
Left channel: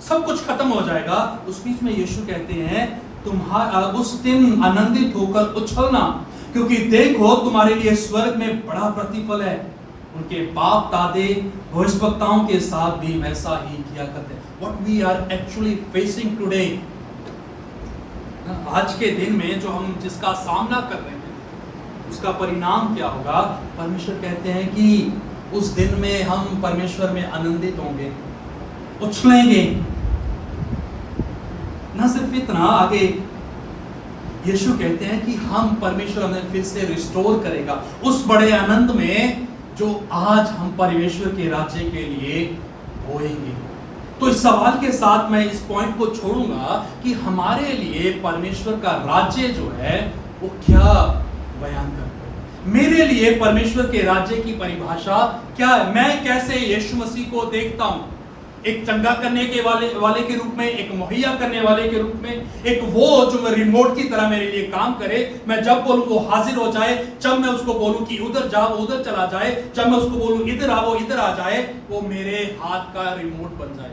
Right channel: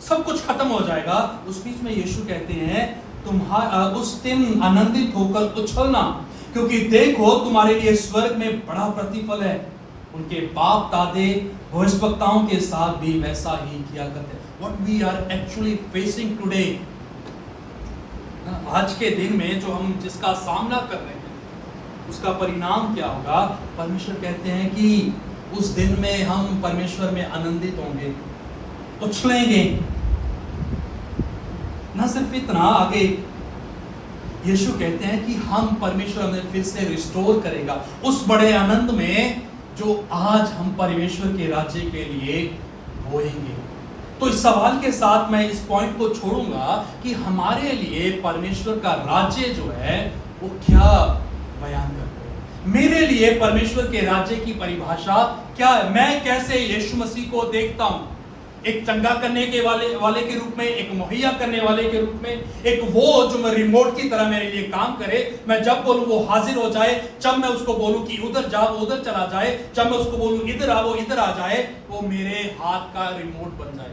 सब कुछ खत्म हो जाएगा। उस बीच में यीशु कहते हैं तुम्हारा उस दिन आनंदित होकर उछलना, क्योंकि देखो तुम्हारे लिए स्वर्ग में बड़ा प्रतिफल है। उनके बाप दादे भविष्यवक्ताओं के साथ भी वैसा ही किया करते हैं। What we are actually facing today, आज के दिन में जो हम जिसका सामना कर रहे हैं उसका परिणाम क्या होगा। परमेश्वर कहते हैं कि उस दिन में हम परमेश्वर में आनंदित होंगे, उछलेंगे। ना सिर्फ इतना, आगे यीशु कहते हैं कि हम परमेश्वर हमें फिर से रिस्टोर करेगा उस बड़े आनंद में जो आज हम परमेश्वर के राज्य के लिए होएंगे। तो इस सवाल के साथ मैं इस पॉइंट को छोड़ूंगा कि हमारे लिए परमेश्वर का राज्य जो है वो क्या बयान करते हैं। मेरे लिए परमेश्वर के राज्य की परिभाषा क्या है? मैं कैसे यीशु मसीह को देखता हूं? एक चंगा करने के वाले के रूप में, एक मुहैया करने वाले के रूप में, एक वो जो रिमोट की तरह मेरे लिए काम करे। मैं जब बोलूं वो हाजिर हो जाए, जब मैं उसको बोलूं कि उधर जा वो उधर चला जाए, जब मैं उसको बोलूं इधर आ वो इधर आ जाए, वो मेरे हाथ का रिमोट बन जाए।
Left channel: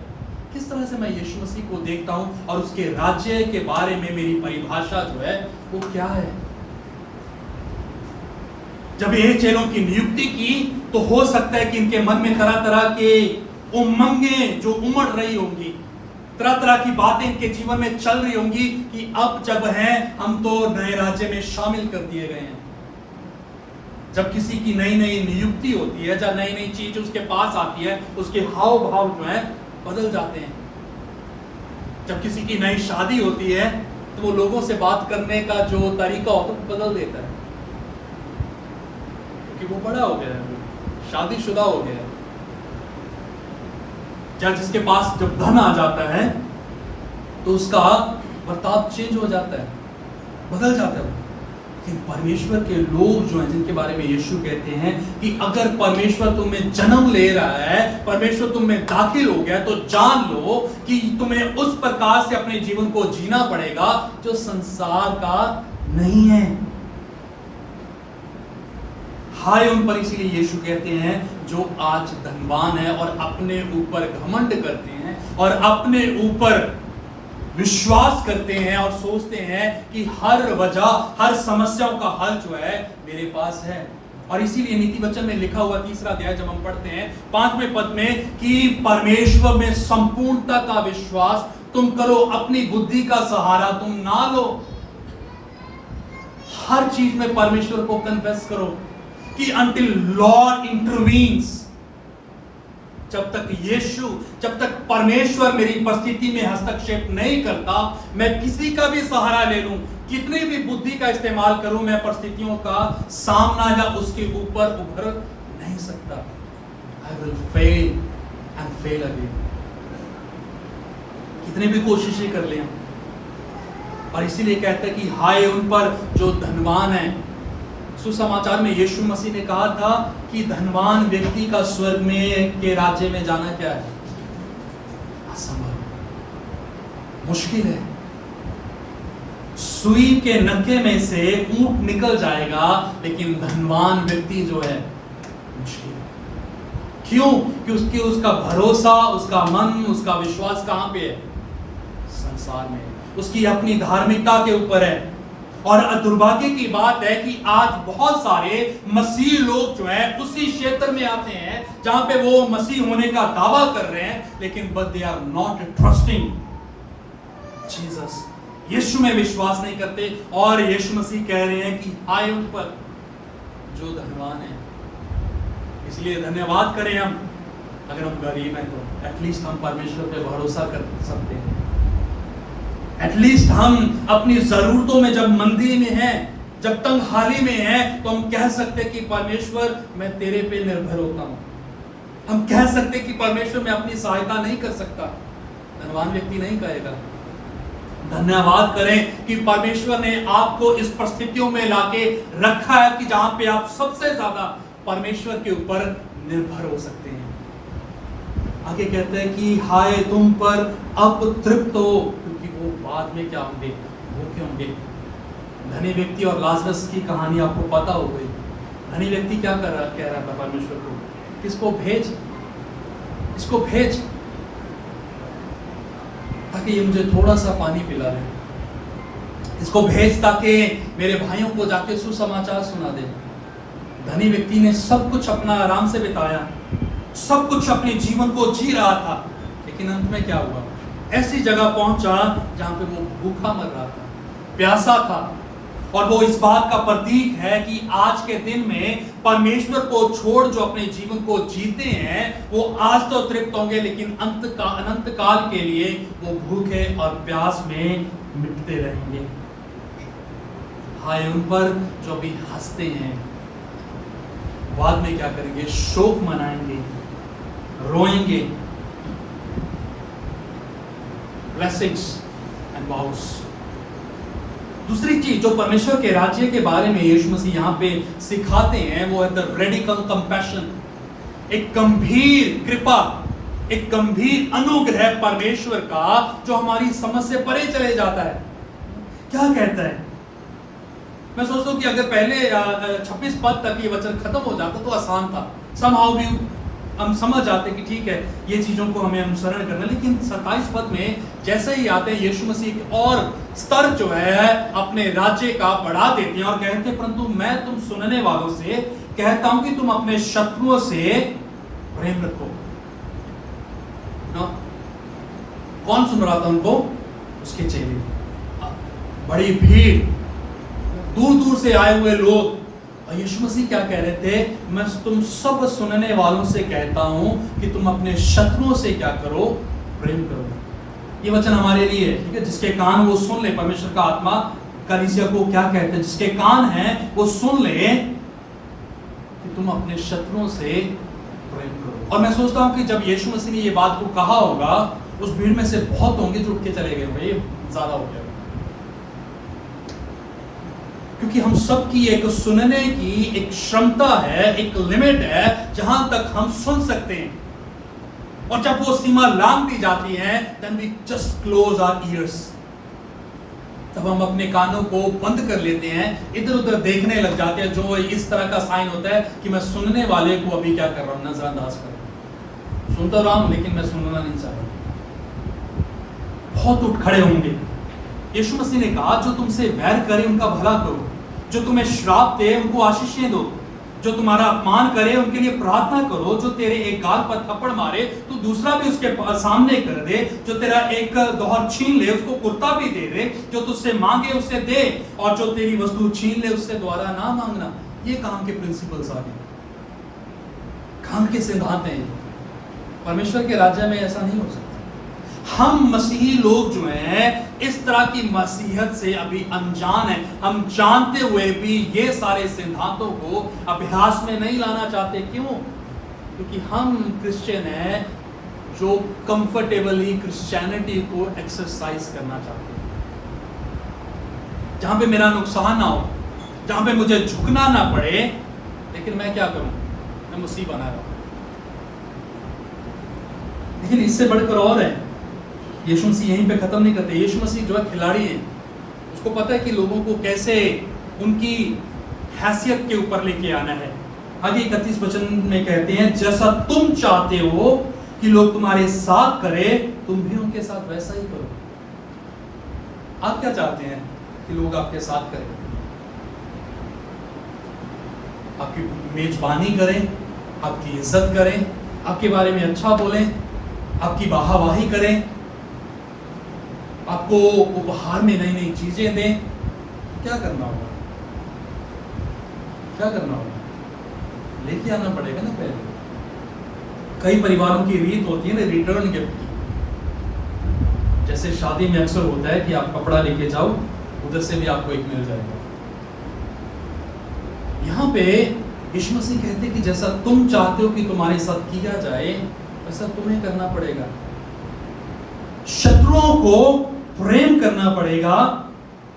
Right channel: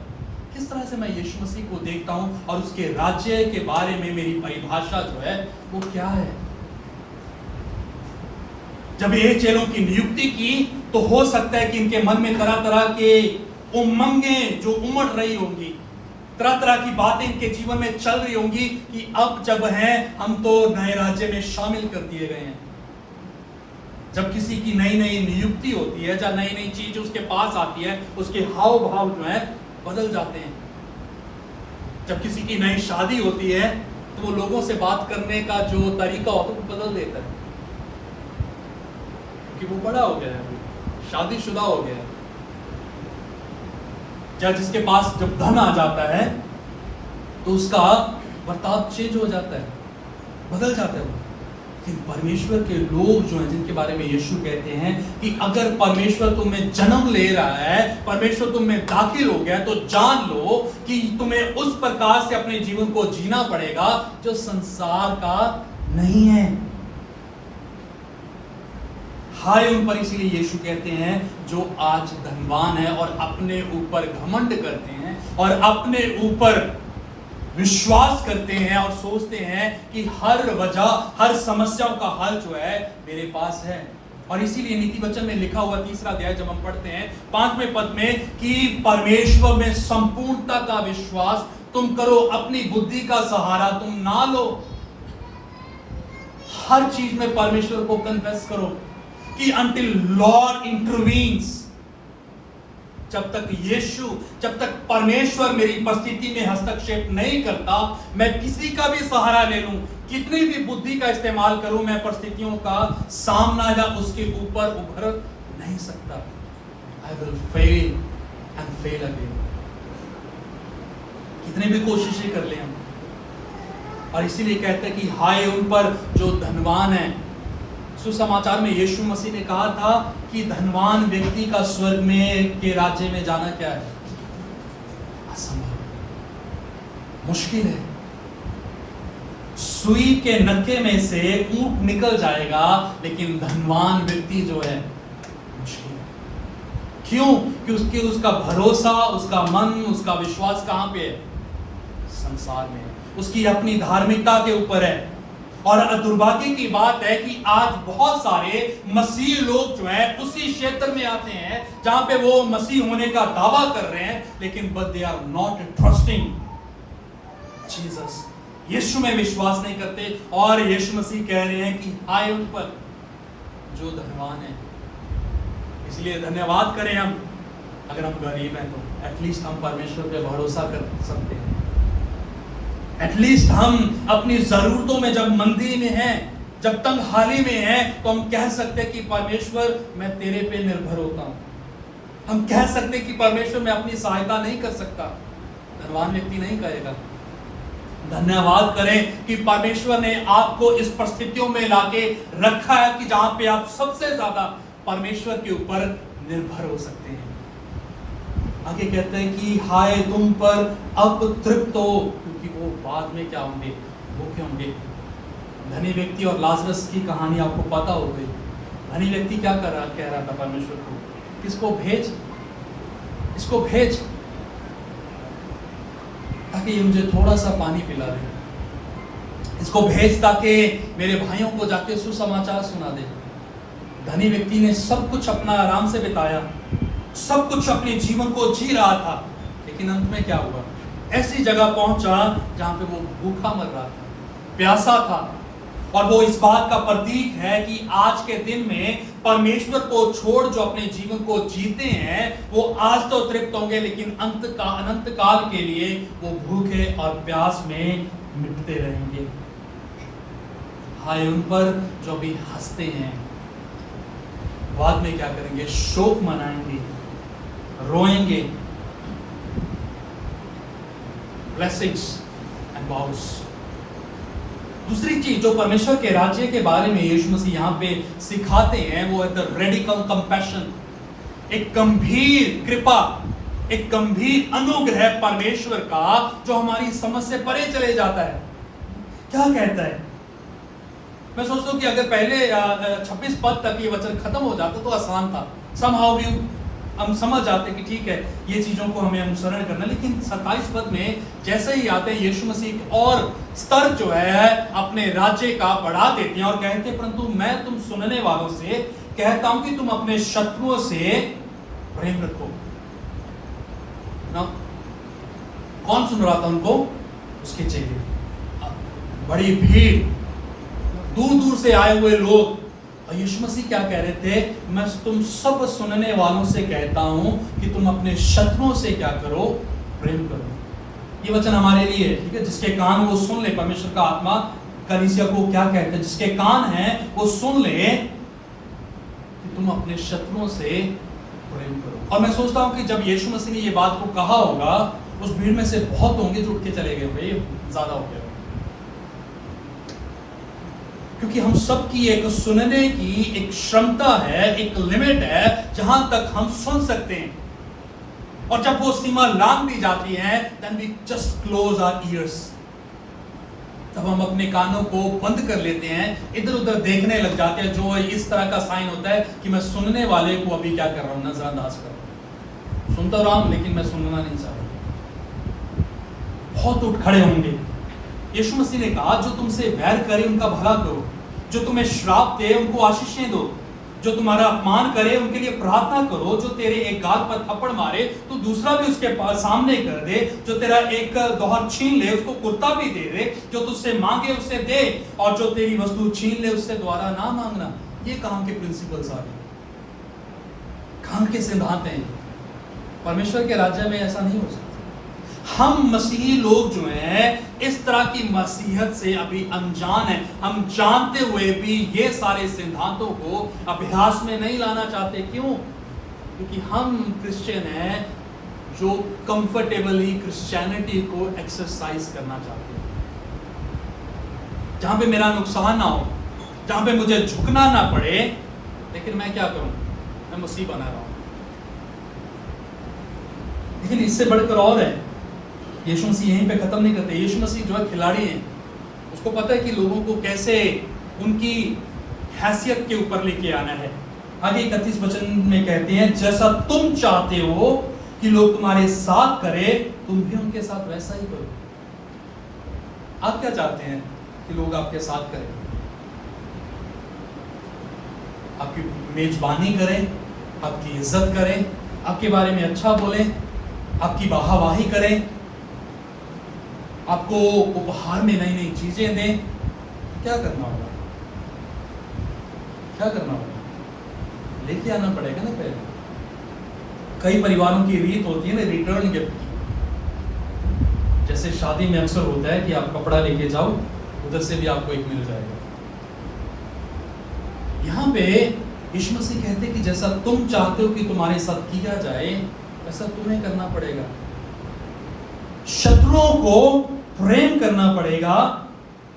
किस तरह से मैं यीशु मसीह को देखता हूं और उसके राज्य के बारे में मेरी परिभाषा जो है वो क्या है? जब ये चेलों की नियुक्ति की तो हो सकता है कि इनके मन में तरह तरह के उमंगें जो उमड़ रही होंगी, तरह तरह की बातें इनके जीवन में चल रही होंगी कि अब जब हैं हम तो नए राज्य में शामिल कर दिए गए हैं। जब किसी की नई नई नियुक्ति होती है, जब नई नई चीज उसके पास आती है, उसके हाव भाव जो है बदल जाते हैं। जब किसी की नई शादी होती है तो वो लोगों से बात करने का जो तरीका होता है वो बदल देता है, क्योंकि वो बड़ा हो गया है, शादीशुदा हो गया है। या जिसके पास जब धन आ जाता है तो उसका बर्ताव चेंज हो जाता है, बदल जाता है। लेकिन परमेश्वर के लोग जो हैं, जिनके बारे में यीशु कहते हैं कि अगर परमेश्वर तुम में जन्म ले रहा है, परमेश्वर तुम में दाखिल हो गया, तो जान लो कि तुम्हें उस प्रकार से अपने जीवन को जीना पड़ेगा जो संसार का नहीं है। हाय उन पर, इसीलिए यीशु कहते हैं जो आज धनवान है और अपने ऊपर घमंड करते हैं और अपने ऊपर विश्वास करते हैं और सोचते हैं कि हर वजह, हर समस्याओं का हल जो है मेरे पास है। और इसीलिए नीति वचन में लिखा हुआ 3 अध्याय जब हम पढ़ते हैं 5वें पद में कि परमेश्वर में संपूर्णता का विश्वास तुम करो, अपनी बुद्धि का सहारा तुम ना लो। हर चीज में परमेश्वर को कन्फेस करो कि until Lord intervenes, जब तक परमेश्वर मेरी परिस्थिति में हस्तक्षेप नहीं करता, मैं किसी का भी सहारा ले लूं, कितनी भी बुद्धि का इस्तेमाल करूं, मैं परिस्थितियों का सामना या उसके ऊपर उभर नहीं सकता। I will fail and fail again। कितनी भी कोशिशें कर लें हम। और इसीलिए कहते हैं कि हाय उन पर जो धनवान है। सुसमाचार में यीशु मसीह ने कहा था कि धनवान व्यक्ति का स्वर्ग में के राज्य में जाना क्या है? असंभव, मुश्किल है। सुई के नक्के में से ऊंट निकल जाएगा, लेकिन धनवान व्यक्ति जो है मुश्किल। क्यों? कि उसका भरोसा, उसका मन, उसका विश्वास कहां पे है? संसार में, उसकी अपनी धार्मिकता के ऊपर है। और दुर्भाग्य की बात है कि आज बहुत सारे मसीह लोग जो है उसी क्षेत्र में आते हैं जहां पे वो मसीह होने का दावा कर रहे हैं, लेकिन but they are not trusting Jesus. Yeshu में विश्वास नहीं करते। और यीशु मसीह कह रहे हैं कि हाय उन पर जो धनवान है। इसलिए धन्यवाद करें हम, अगर हम गरीब हैं तो एटलीस्ट हम परमेश्वर पे भरोसा कर सकते हैं। एटलीस्ट हम अपनी जरूरतों में, जब मंदी में हैं, जब तंगहाली में हैं, तो हम कह सकते हैं कि परमेश्वर मैं तेरे पे निर्भर होता हूं। हम कह सकते हैं कि परमेश्वर मैं अपनी सहायता नहीं कर सकता। धनवान व्यक्ति नहीं कहेगा। धन्यवाद करें कि परमेश्वर ने आपको इस परिस्थितियों में लाके रखा है कि जहां पे आप सबसे ज्यादा परमेश्वर के ऊपर निर्भर हो सकते हैं। आगे कहते हैं कि हाय तुम पर अब तृप्त हो, क्योंकि वो बाद में क्या होंगे? भूखे होंगे। धनी व्यक्ति और लाजरस की कहानी आपको पता हो गई। धनी व्यक्ति क्या कह रहा था परमेश्वर को? किसको भेज, इसको भेज ताकि ये मुझे थोड़ा सा पानी पिला दे। इसको भेज ताकि मेरे भाइयों को जाके सुसमाचार सुना दे। धनी व्यक्ति ने सब कुछ अपना आराम से बिताया, सब कुछ अपने जीवन को जी रहा था, लेकिन अंत में क्या हुआ? ऐसी जगह पहुंचा जहां पे वो भूखा मर रहा था, प्यासा था। और वो इस बात का प्रतीक है कि आज के दिन में परमेश्वर को छोड़ जो अपने जीवन को जीते हैं वो आज तो तृप्त होंगे, लेकिन अनंत काल के लिए वो भूखे और प्यास में मिटते रहेंगे। हाय उन पर जो भी हंसते हैं, बाद में क्या करेंगे? शोक मनाएंगे, रोएंगे। Blessings and vows। दूसरी चीज जो परमेश्वर के राज्य के बारे में यीशु मसीह यहाँ पे सिखाते हैं वो है द रेडिकल कंपैशन, एक गंभीर कृपा, एक गंभीर अनुग्रह परमेश्वर का जो हमारी समझ से परे चले जाता है। क्या कहता है? मैं सोचता हूं कि अगर पहले 26 पद तक ये वचन खत्म हो जाता तो आसान था, somehow भी हम समझ जाते कि ठीक है ये चीजों को हमें अनुसरण करना, लेकिन 27 पद में जैसे ही आते हैं यीशु मसीह और स्तर जो है अपने राज्य का बढ़ा देते हैं और कहते हैं परंतु मैं तुम सुनने वालों से कहता हूं कि तुम अपने शत्रुओं से प्रेम रखो ना। कौन सुन रहा था उनको? उसके चेले, बड़ी भीड़, दूर दूर से आए हुए लोग। और यीशु मसीह क्या कह रहे थे? मैं तुम सब सुनने वालों से कहता हूं कि तुम अपने शत्रुओं से क्या करो? प्रेम करो। ये वचन हमारे लिए है, ठीक है? जिसके कान वो सुन ले। परमेश्वर का आत्मा कलीसिया को क्या कहते हैं? जिसके कान हैं वो सुन ले कि तुम अपने शत्रुओं से प्रेम करो। और मैं सोचता हूं कि जब यीशु मसीह ने ये बात को कहा होगा उस भीड़ में से बहुत होंगे जो उठ के चले गए, भाई ज्यादा हो गया, क्योंकि हम सब की एक सुनने की एक क्षमता है, एक लिमिट है जहां तक हम सुन सकते हैं। और जब वो सीमा लांघ दी जाती है then we just close our ears, तब हम अपने कानों को बंद कर लेते हैं, इधर उधर देखने लग जाते हैं, जो इस तरह का साइन होता है कि मैं सुनने वाले को अभी क्या कर रहा हूं? नजरअंदाज कर रहा हूं। सुनता रहा हूं लेकिन मैं सुनना नहीं चाहता। बहुत उठ खड़े होंगे। यीशु मसीह ने कहा जो तुमसे वैर करे उनका भला करो, जो तुम्हें श्राप दे उनको आशीषें दो, जो तुम्हारा अपमान करे उनके लिए प्रार्थना करो, जो तेरे एक गाल पर थप्पड़ मारे तो दूसरा भी उसके सामने कर दे, जो तेरा एक दोहर छीन ले उसको कुर्ता भी दे दे, जो तुझसे मांगे उससे दे, और जो तेरी वस्तु छीन ले उससे दोबारा ना मांगना। ये काम के प्रिंसिपल्स आ गए, काम के सिद्धांत हैं। परमेश्वर के राज्य में ऐसा नहीं हो सकता। हम मसीही लोग जो हैं इस तरह की मसीहत से अभी अनजान हैं। हम जानते हुए भी ये सारे सिद्धांतों को अभ्यास में नहीं लाना चाहते। क्यों? क्योंकि हम क्रिश्चियन हैं जो कंफर्टेबली क्रिश्चियनिटी को एक्सरसाइज करना चाहते हैं, जहां पे मेरा नुकसान ना हो, जहां पे मुझे झुकना ना पड़े, लेकिन मैं क्या करूं? मैं मसीह बना रहा हूं। लेकिन इससे बढ़कर और है, यीशु मसीह यहीं पे खत्म नहीं करते। यीशु मसीह जो है खिलाड़ी है, उसको पता है कि लोगों को कैसे उनकी हैसियत के ऊपर लेके आना है। आगे 31 वचन में कहते हैं जैसा तुम चाहते हो कि लोग तुम्हारे साथ करें तुम भी उनके साथ वैसा ही करो। आप क्या चाहते हैं कि लोग आपके साथ करें? आपकी मेजबानी करें, आपकी इज्जत करें, आपके बारे में अच्छा बोलें, आपकी वाहवाही करें, आपको उपहार में नई नई चीजें दें? क्या करना होगा? क्या करना होगा? लेके आना पड़ेगा ना पहले। कई परिवारों की रीत होती है ना रिटर्न गिफ्ट की। जैसे शादी में अक्सर होता है कि आप कपड़ा लेके जाओ, उधर से भी आपको एक मिल जाएगा। यहां पे यीशु मसीह कहते हैं कि जैसा तुम चाहते हो कि तुम्हारे साथ किया जाए वैसा तुम्हें करना पड़ेगा। शत्रुओं को प्रेम करना पड़ेगा।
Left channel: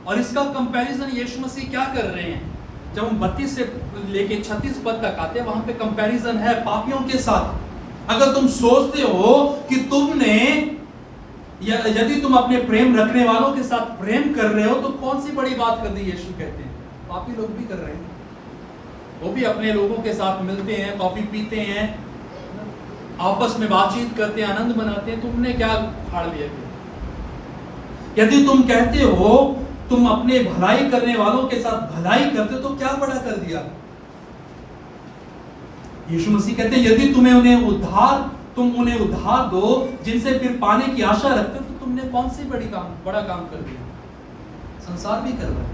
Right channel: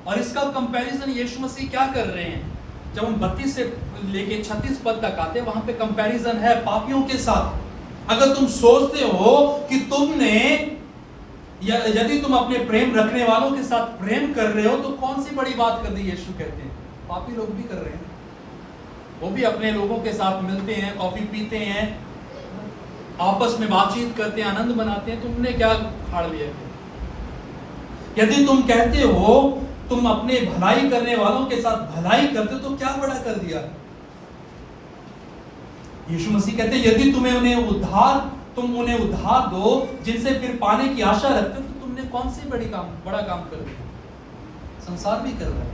और इसका कंपैरिजन यीशु मसीह क्या कर रहे हैं? जब हम 32 से लेके 36 पद तक आते हैं वहां पे कंपैरिजन है पापियों के साथ। अगर तुम सोचते हो कि तुमने यदि तुम अपने प्रेम रखने वालों के साथ प्रेम कर रहे हो तो कौन सी बड़ी बात कर दी? यीशु कहते हैं पापी लोग भी कर रहे हैं, वो भी अपने लोगों के साथ मिलते हैं, कॉफी पीते हैं, आपस में बातचीत करते हैं, आनंद मनाते हैं। तुमने क्या फाड़ लिया? यदि तुम कहते हो तुम अपने भलाई करने वालों के साथ भलाई करते हो तो क्या बड़ा कर दिया? यीशु मसीह कहते हैं यदि तुम उन्हें उधार दो जिनसे फिर पाने की आशा रखते हो तो तुमने कौन सी बड़ा काम कर दिया? संसार भी कर रहा है।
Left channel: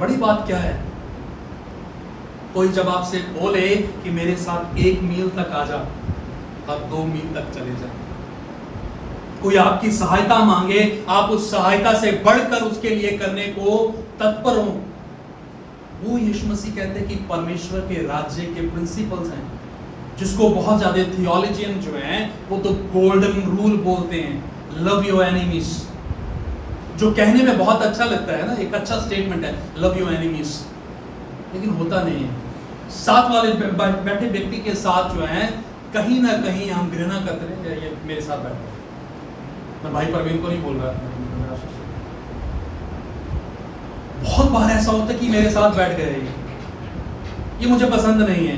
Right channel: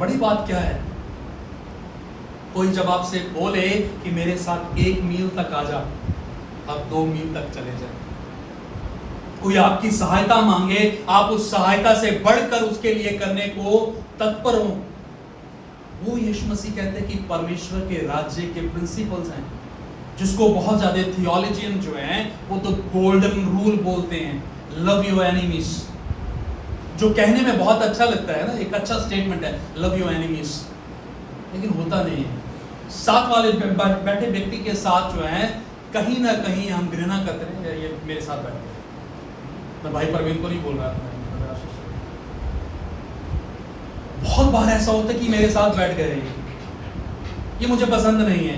बड़ी बात क्या है? कोई जब आपसे बोले कि मेरे साथ 1 मील तक आ जा, अब 2 मील तक चले जाए। कोई आपकी सहायता मांगे, आप उस सहायता से बढ़कर उसके लिए करने को तत्पर हो। वो यीशु मसीह कहते हैं कि परमेश्वर के राज्य के प्रिंसिपल्स हैं, जिसको बहुत ज्यादा थियोलॉजियन जो हैं वो तो गोल्डन रूल बोलते हैं, लव योर एनिमीज। जो कहने में बहुत अच्छा लगता है ना, एक अच्छा स्टेटमेंट है, लव योर एनिमीज, लेकिन होता नहीं है। साथ वाले बैठे व्यक्ति के साथ जो है कहीं ना कहीं हम घृणा करते हैं, ये मेरे साथ बैठे, मैं भाई परवीन को नहीं बोल रहा, बहुत बार ऐसा होता है कि मेरे साथ बैठ गए, ये मुझे पसंद नहीं है,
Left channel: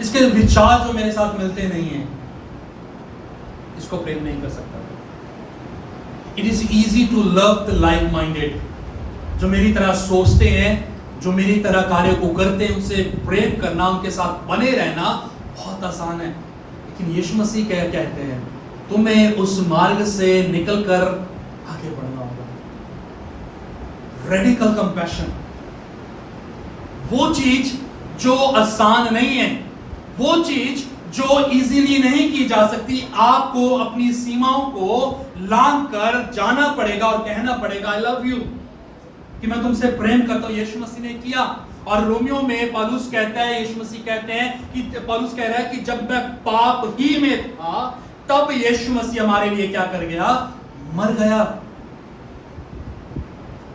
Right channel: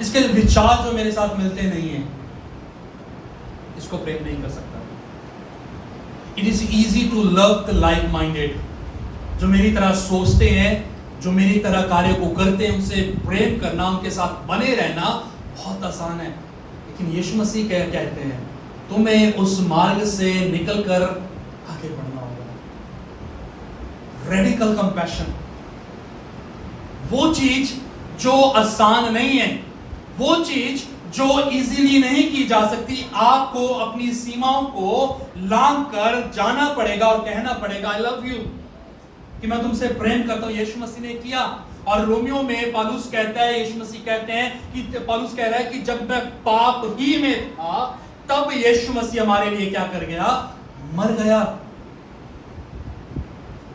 इसके विचार जो मेरे साथ मिलते नहीं है, इसको प्रेम नहीं कर सकता। It is easy to love the like minded, जो मेरी तरह सोचते हैं, जो मेरी तरह कार्य को करते हैं, उनसे प्रेम करना, उनके साथ बने रहना बहुत आसान है। लेकिन यीशु मसीह क्या कहते हैं, तुम्हें उस मार्ग से निकलकर आगे बढ़ना होगा। रेडिकल कंपैशन, वो चीज जो आसान नहीं है, वो चीज जो इजीली नहीं की जा सकती, आपको अपनी सीमाओं को लांघ कर जाना पड़ेगा और कहना पड़ेगा आई लव यू, कि मैं तुमसे प्रेम करता हूं। यीशु मसीह ने किया। और रोमियो में पौलुस कहता है, यीशु मसीह कहते हैं कि पौलुस कह रहा है कि जब मैं पाप ही में था तब यीशु मसीह हमारे लिए क्या कर गया, मर गया।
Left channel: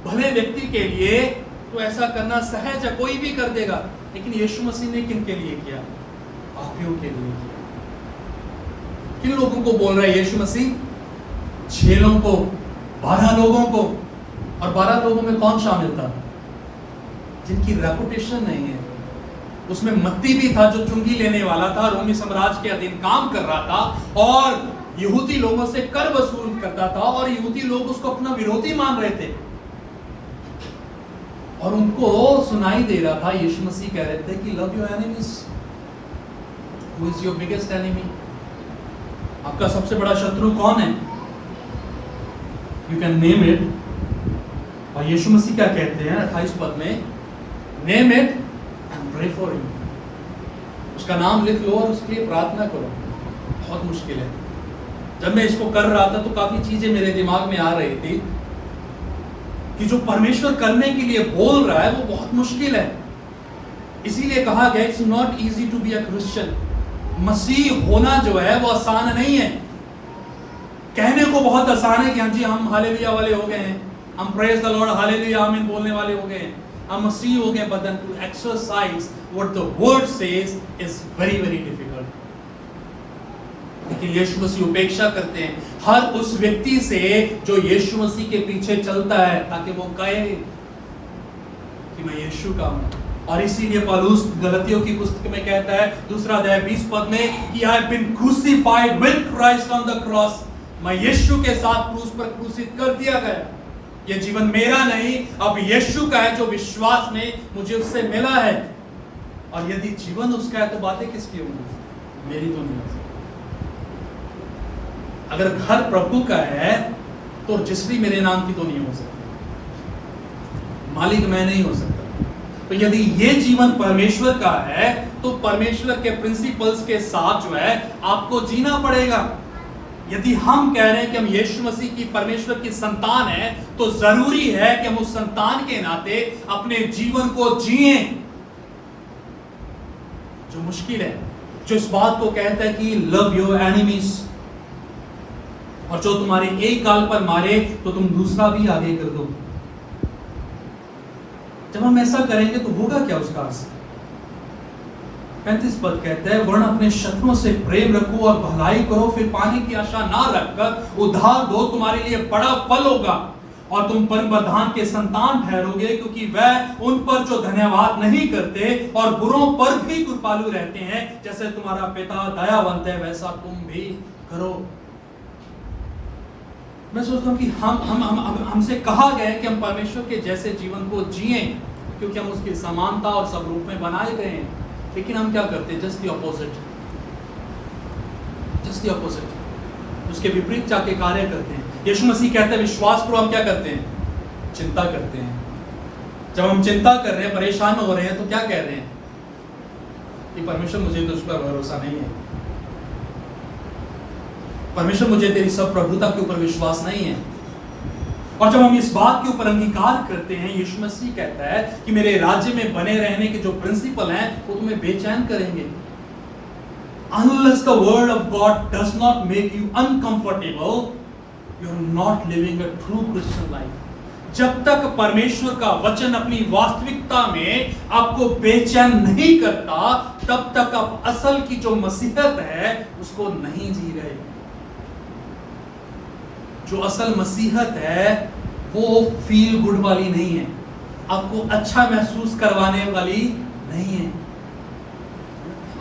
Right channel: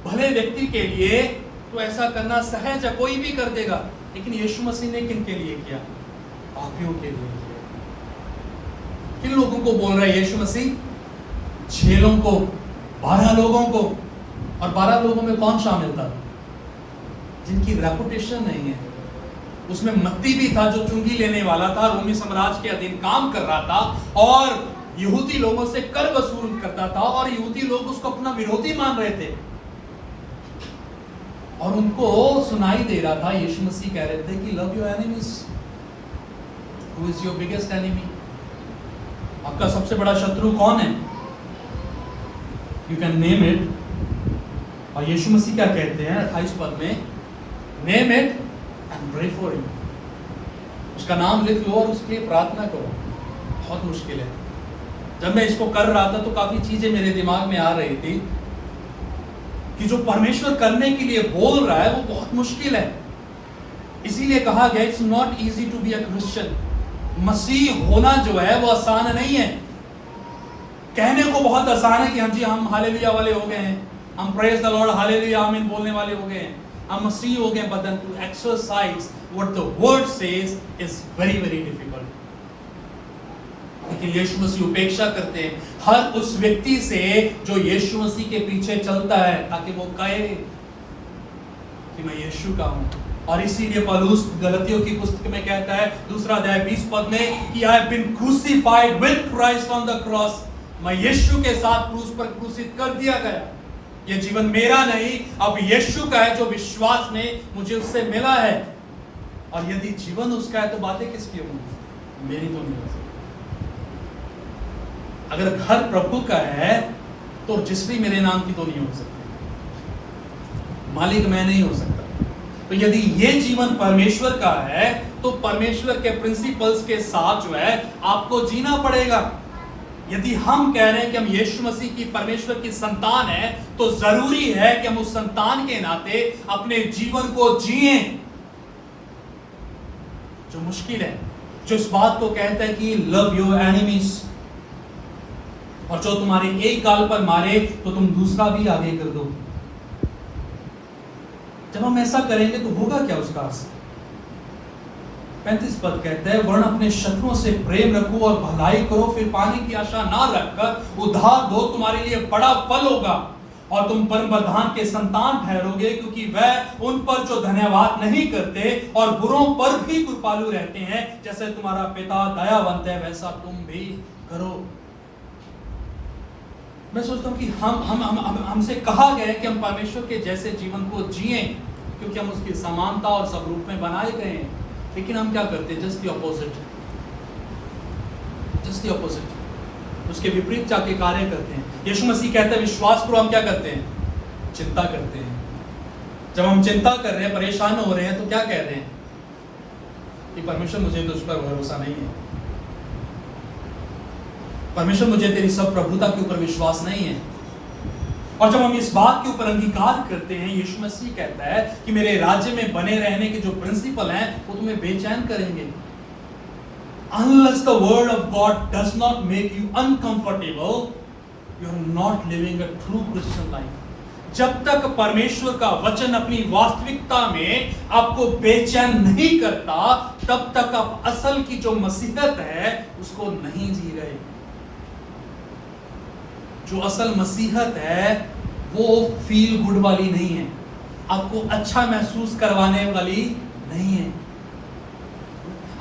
भले व्यक्ति के लिए तो ऐसा करना सहज है, कोई भी कर देगा, लेकिन यीशु मसीह ने किन के लिए किया, पापियों के लिए किया। किन लोगों को बोल रहा है यीशु मसीह, 6 लोगों को, 12 लोगों को, और 12 लोगों में कौन शामिल था, जिनकी रेपुटेशन नहीं है। उसमें मत्ती भी था, जो चुंगी लेने वाला था, रोमी साम्राज्य के अधीन काम कर रहा था और यहूदी लोगों से कर वसूल करता था, और यहूदी लोग उसको अपना विरोधी मान रहे थे, और उनको सुनाई दे रहा था, यीशु मसीह कह रहे थे कि love your enemies. Who is your biggest enemy? आपका सबसे बड़ा शत्रु कौन है? You can name it. और यीशु मसीह क्या कहते हैं 28 पद में, name it and pray for him. उसका नाम लिख लो और उसके लिए प्रार्थना करो। बहुत मुश्किल है। जब मैं इसको कर रहा था तो काफी चीजें मेरे दिमाग में आ रही थी कि जो परमेश्वर करने के लिए बोल रहा है वो बहुत मुश्किल है। इसीलिए कहा गया it's not easy to be a Christian. मसीह होना जो है वो आसान नहीं है। कहने को बहुत आसान है कि हाँ जी हम हालेलुया वाले हो गए हैं, हम प्रेज द लॉर्ड हालेलुया आमीन बोलने वाले हो गए हैं, हम मसीह हो गए, but then to exercise what the word says is very very difficult. लेकिन यीशु मसीह उपेक्षा करते हैं हर उस व्यक्ति से जो यीशु मसीह के पीछे चलता है, ताकि वो कहे कि मैं यीशु का हूं। और इसीलिए पौलुस गलतियों की पुस्तक में कहता है 2 अध्याय 20 पद में कि I have been crucified with Christ on the cross. मैं यीशु के साथ क्रूस पर क्रूसित कर दिया गया। ये जीवन मेरा नहीं, अब यीशु का है, जो विश्वास में मुझे उससे मिला है। और यदि जीवन उसका है तो बातें किसकी होंगी? मेरी तो नहीं हो सकती। अगर घर प्रभु का है तो रजिस्ट्री मेरे नाम की तो नहीं हो सकती, मालिक मैं नहीं हो सकता। तो यदि ये जीवन परमेश्वर का है तो परमेश्वर के प्रिंसिपल्स के साथ जो है आपको जीना पड़ेगा। यदि हम कह रहे हैं कि हम यीशु मसीह की परमेश्वर की संतान है, तो जरूरी है कि हम उस संतान के नाते अपने जीवन को जिए। जो मुश्किल है, जो इस बात को कहता है कि लव योर एनिमीज, और जो तुम्हारे एक गाल पर मारे तो तुम दूसरा भी आगे कर दो। जब हम ऐसा करेंगे तो होगा क्या उसका असर? 35 पद कहते हैं, वरन अपने शत्रुओं से प्रेम रखो और भलाई करो, फिर पाने की आशा ना रखकर उधार दो, तुम्हारे लिए बड़ा फल होगा और तुम परम प्रधान के संतान ठहरोगे, क्योंकि वह उन पर जो धन्यवाद नहीं करते और बुरों पर भी कृपालु रहते हैं, जैसे तुम्हारा पिता दयावंत है वैसा तुम भी करो। मैं सोचता हूँ कि हमसे कहा गया है कि हम परमेश्वर के जैसे जीवन को जिए, क्योंकि हम उसकी समानता और स्वरूप में बनाए गए हैं। लेकिन हम क्या करते हैं? Just the opposite, just the opposite, उसके विपरीत जाके कार्य करते हैं। यीशु मसीह कहते हैं विश्वास करो, हम क्या करते हैं? चिंता करते हैं। जब हम चिंता कर रहे हैं, परेशान हो रहे हैं, तो क्या कह रहे हैं कि परमेश्वर मुझे तो उस पर भरोसा नहीं है, परमेश्वर मुझे तेरी सब प्रभुता के ऊपर विश्वास नहीं है। और जब हम इस बात के ऊपर अंगीकार करते हैं, यीशु मसीह कहता है कि मेरे राज्य में बने रहने के जो प्रिंसिपल हैं वो तुम्हें बेचैन करेंगे। Unless the word of God does not make you uncomfortable, you are not living a true Christian life. जब तक परमेश्वर का वचन अपनी वास्तविकता में आपको बेचैन नहीं करता, तब तक आप असल की जो मसीहत है उसको नहीं जी रहे। जो असल मसीहत है वो फील गुड वाली नहीं है, आपको अच्छा महसूस करवाने वाली नहीं है।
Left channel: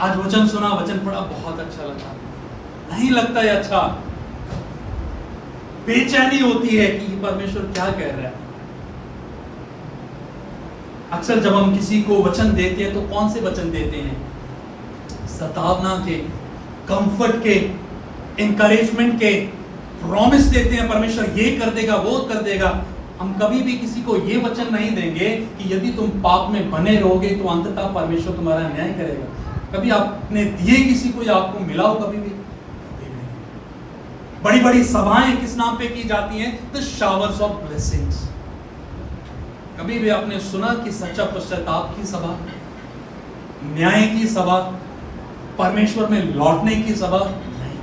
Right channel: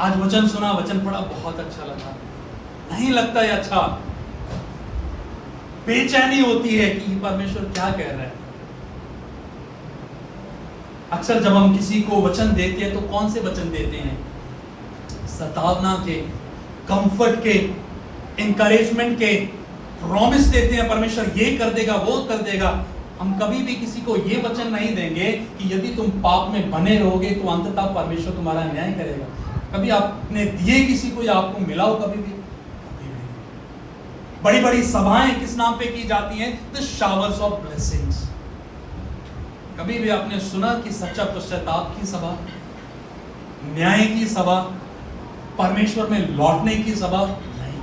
आज वचन सुना, वचन पढ़ा, बहुत अच्छा लगा, नहीं लगता है अच्छा, बेचैनी होती है कि परमेश्वर क्या कह रहा है। अक्सर जब हम किसी को वचन देते हैं तो कौन से वचन देते हैं? सतावना के, कंफर्ट के, इंकरेजमेंट के, प्रॉमिस देते हैं परमेश्वर ये कर देगा, वो कर देगा। हम कभी भी किसी को ये वचन नहीं देंगे कि यदि तुम पाप में बने रहोगे तो अंततः परमेश्वर तुम्हारा न्याय करेगा। कभी आपने दिए किसी को या आपको मिला हो? कभी भी बड़ी बड़ी सभाएं किस नाम पे की जाती हैं? The showers of blessings. कभी भी आपने सुना कि सच्चा पश्चाताप की सभा, न्याय की सभा, परमेश्वर में लौटने की सभा? नहीं।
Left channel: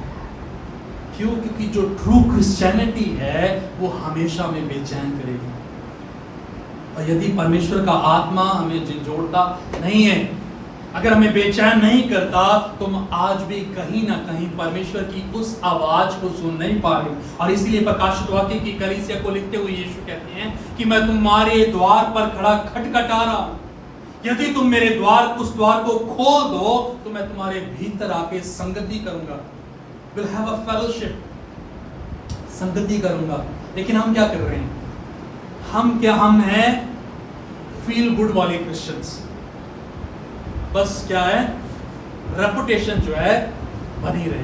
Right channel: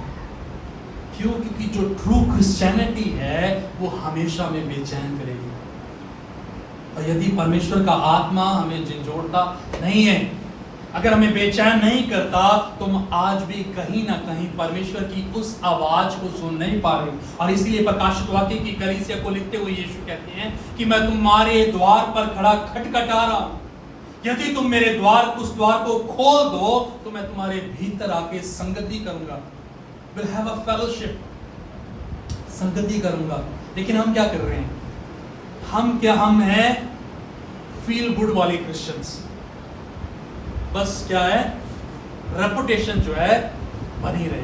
क्यों? क्योंकि जो ट्रू क्रिश्चियनिटी है वो हमेशा में बेचैन करेगी। और यदि परमेश्वर का आत्मा हमें झंझोड़ता नहीं है, अगर हमें बेचैन नहीं करता, तो हम आज भी कहीं ना कहीं परमेश्वर की उस आवाज को सुन नहीं पा रहे। और इसीलिए प्रकाशित वाक्य की कलीसिया को लिखते हुए यीशु कहते हैं कि मैं तुम्हारे द्वार पर खड़ा खटखटा रहा हूं, यदि तुम मेरे उस द्वार को खोल दो तो मैं तुम्हारे भीतर आके संगति करूंगा, विल हैव अ फेलोशिप, संगति करूंगा। लेकिन हम क्या कर रहे हैं? हम हैं फील गुड वाले क्रिश्चियंस। बस क्या है, रेपुटेशन जो है बनी रहे।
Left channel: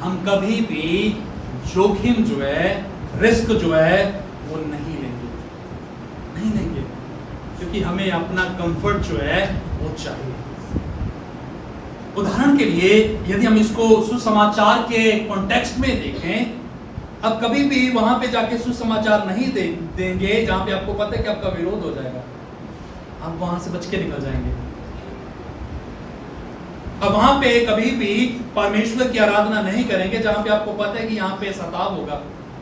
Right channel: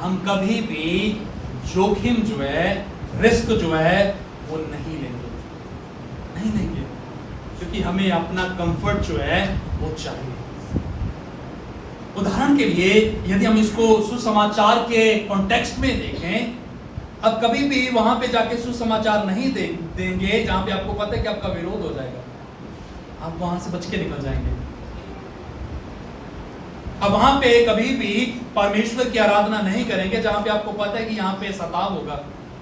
हम कभी भी जोखिम जो है, रिस्क जो है वो नहीं लेंगे, क्योंकि हमें अपना कंफर्ट जो है वो चाहिए। उदाहरण के लिए यदि हम इसको सुसमाचार के कॉन्टेक्स्ट में देखें, अब कभी भी वहां पे जाके सुसमाचार नहीं देंगे जहां पे आपको पता है कि आपका विरोध हो जाएगा, आप वहां से बच के निकल जाएंगे। अब वहां पे कभी भी परमेश्वर की आराधना नहीं करेंगे जहां पे आपको पता है कि यहाँ पे सताव होगा,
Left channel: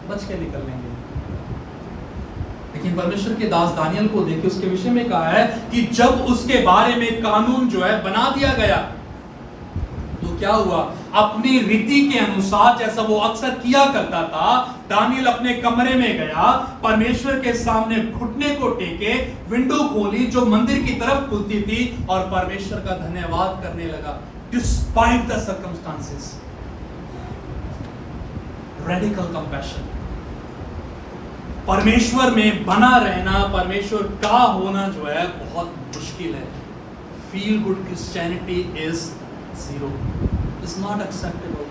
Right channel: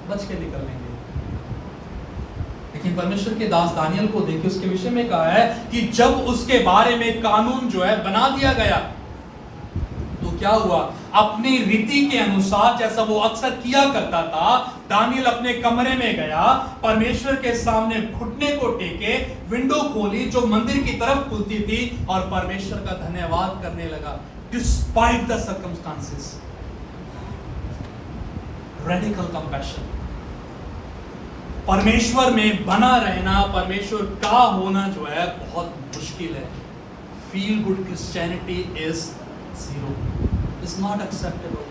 बच के निकल लेंगे। लेकिन परमेश्वर के दास दानियल को देखिए, उसके विषय में कहा है कि जब उसके बारे में कानून जो है बना दिया गया तो क्या हुआ? अपनी रीति के अनुसार, जैसा वो अक्सर किया करता था, दानियल अपने कमरे में गया, परमेश्वर के सामने घुटने को टेके, विंडो खोली जो मंदिर की तरफ खुलती थी और परमेश्वर का धन्यवाद करने लगा, despite the circumstances. Radical compassion. परमेश्वर में बना रहना, परमेश्वर का होना जो है बहुत मुश्किल है। Feel good Christianity is zero, is not acceptable.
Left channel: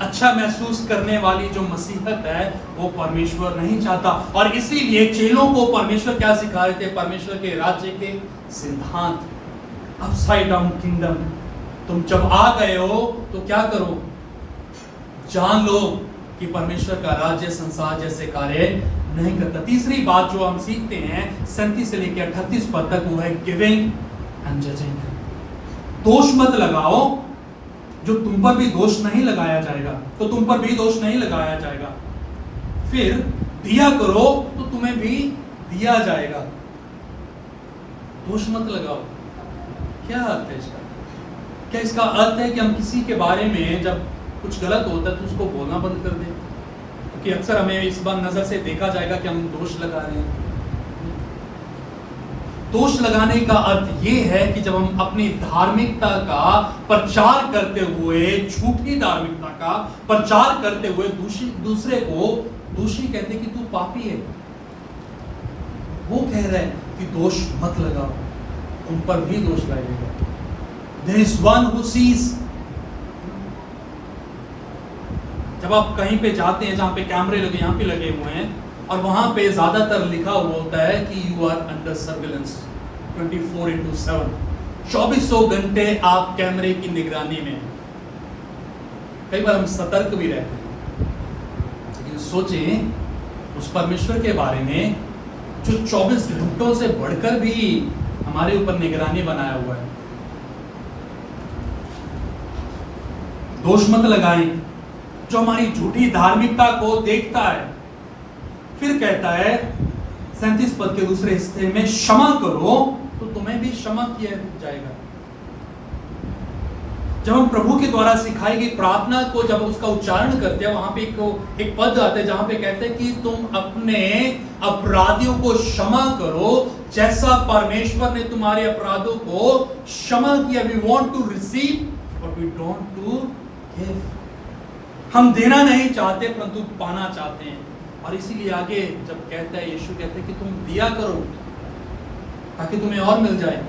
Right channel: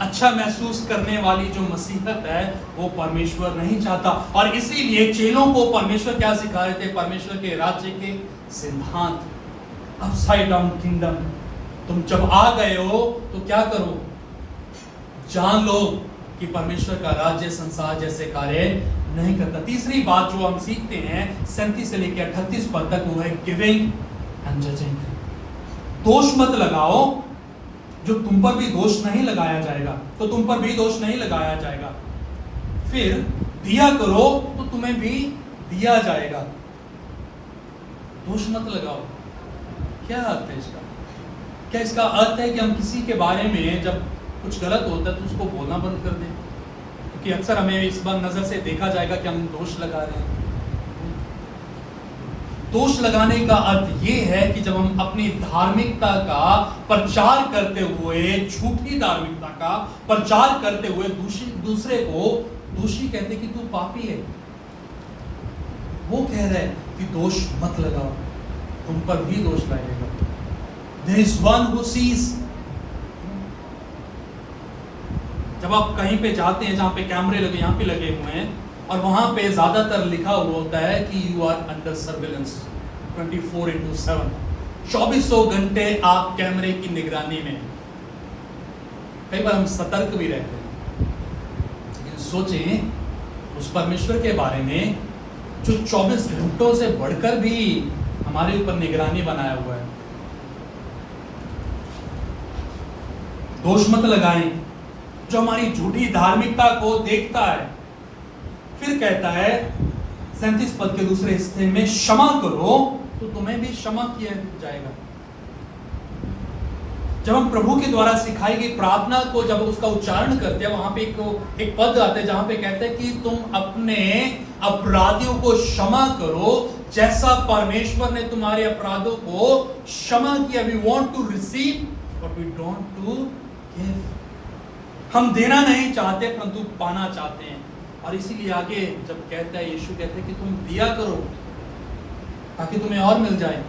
अच्छा महसूस करने वाली जो मसीहत है वो परमेश्वर नहीं चाहता। और इसीलिए चेलों को परमेश्वर क्या सिखा रहे थे? परमेश्वर के राज्य के सिद्धांत, अपसाइड डाउन किंगडम। तुम जब आ गए हो तो क्या करो? जान लो कि परमेश्वर का राज्य संसार जैसे कार्य नहीं करता। तीसरी बात जो हम सीखते हैं 37 से लेकर 38 पद तक, वो है गिविंग एंड जजिंग। दोष मत लगाओ, जो तुम पर भी दोष नहीं लगाया जाएगा तो तुम पर भी दोष नहीं लगाया जाएगा। फिर दिया करो तो तुम्हें भी दिया जाएगा। दोष मत लगाओ। क्या अर्थ है इसका? क्या इसका अर्थ है कि हम किसी के बारे में जब कुछ गलत होता है तो उसको बोलना बंद कर दें? क्योंकि अक्सर हमें इस बार नजर से देखा जाएगा कि हम दोष लगा रहे हैं। दोष लगाने का अर्थ ये है कि जब हम अपनी धार्मिकता का प्रचार करते हुए, झूठी धार्मिकता का प्रचार करते हुए दूसरे को दोषी कहते कि तू पापी है, वो कह रहे हैं कि दोष मत लगाओ, उन पर भी दोष लगेगा। There is one who sees। जब आप कहीं पे जाते हैं जहां पे कैमरे लगे, यहाँ पे लगे हुए हैं, और वहां पे ज्यादातर लिखा हुआ होता है कि यू आर अंडर सर्विलेंस 24/7, 2400 घंटे आप कैमरे की निगरानी में। कई बार हम सतर्क भी रहते हैं, लेकिन सोचें उस परमेश्वर के बारे में जो 24 घंटों से बढ़कर भी हमारे ऊपर निगरानी बनाया हुआ है। दोष मत लगाएं, जो हमारी झूठी धार्मिकता को देखता है। फिर कहता है 37 पद के दूसरे हिस्से में, क्षमा करो तो तुम्हें भी क्षमा किया जाएगा। जब हम प्रभु के द्वारा सिखाई गई प्रार्थना को जब उसका उच्चारण करते हैं, वहां पे एक पद आता है जहां पे कहते हैं कि तुम अपने अपराधियों को क्षमा करो जैसा परमेश्वर ने तुम्हारे अपराधों को क्षमा किया। We want to receive but we don't to give. हम देना नहीं चाहते परंतु पाना चाहते हैं। और इसीलिए आगे जब कहता है, यीशु कहते हैं कि तुम दिया करो ताकि तुम्हें और मिल जाए,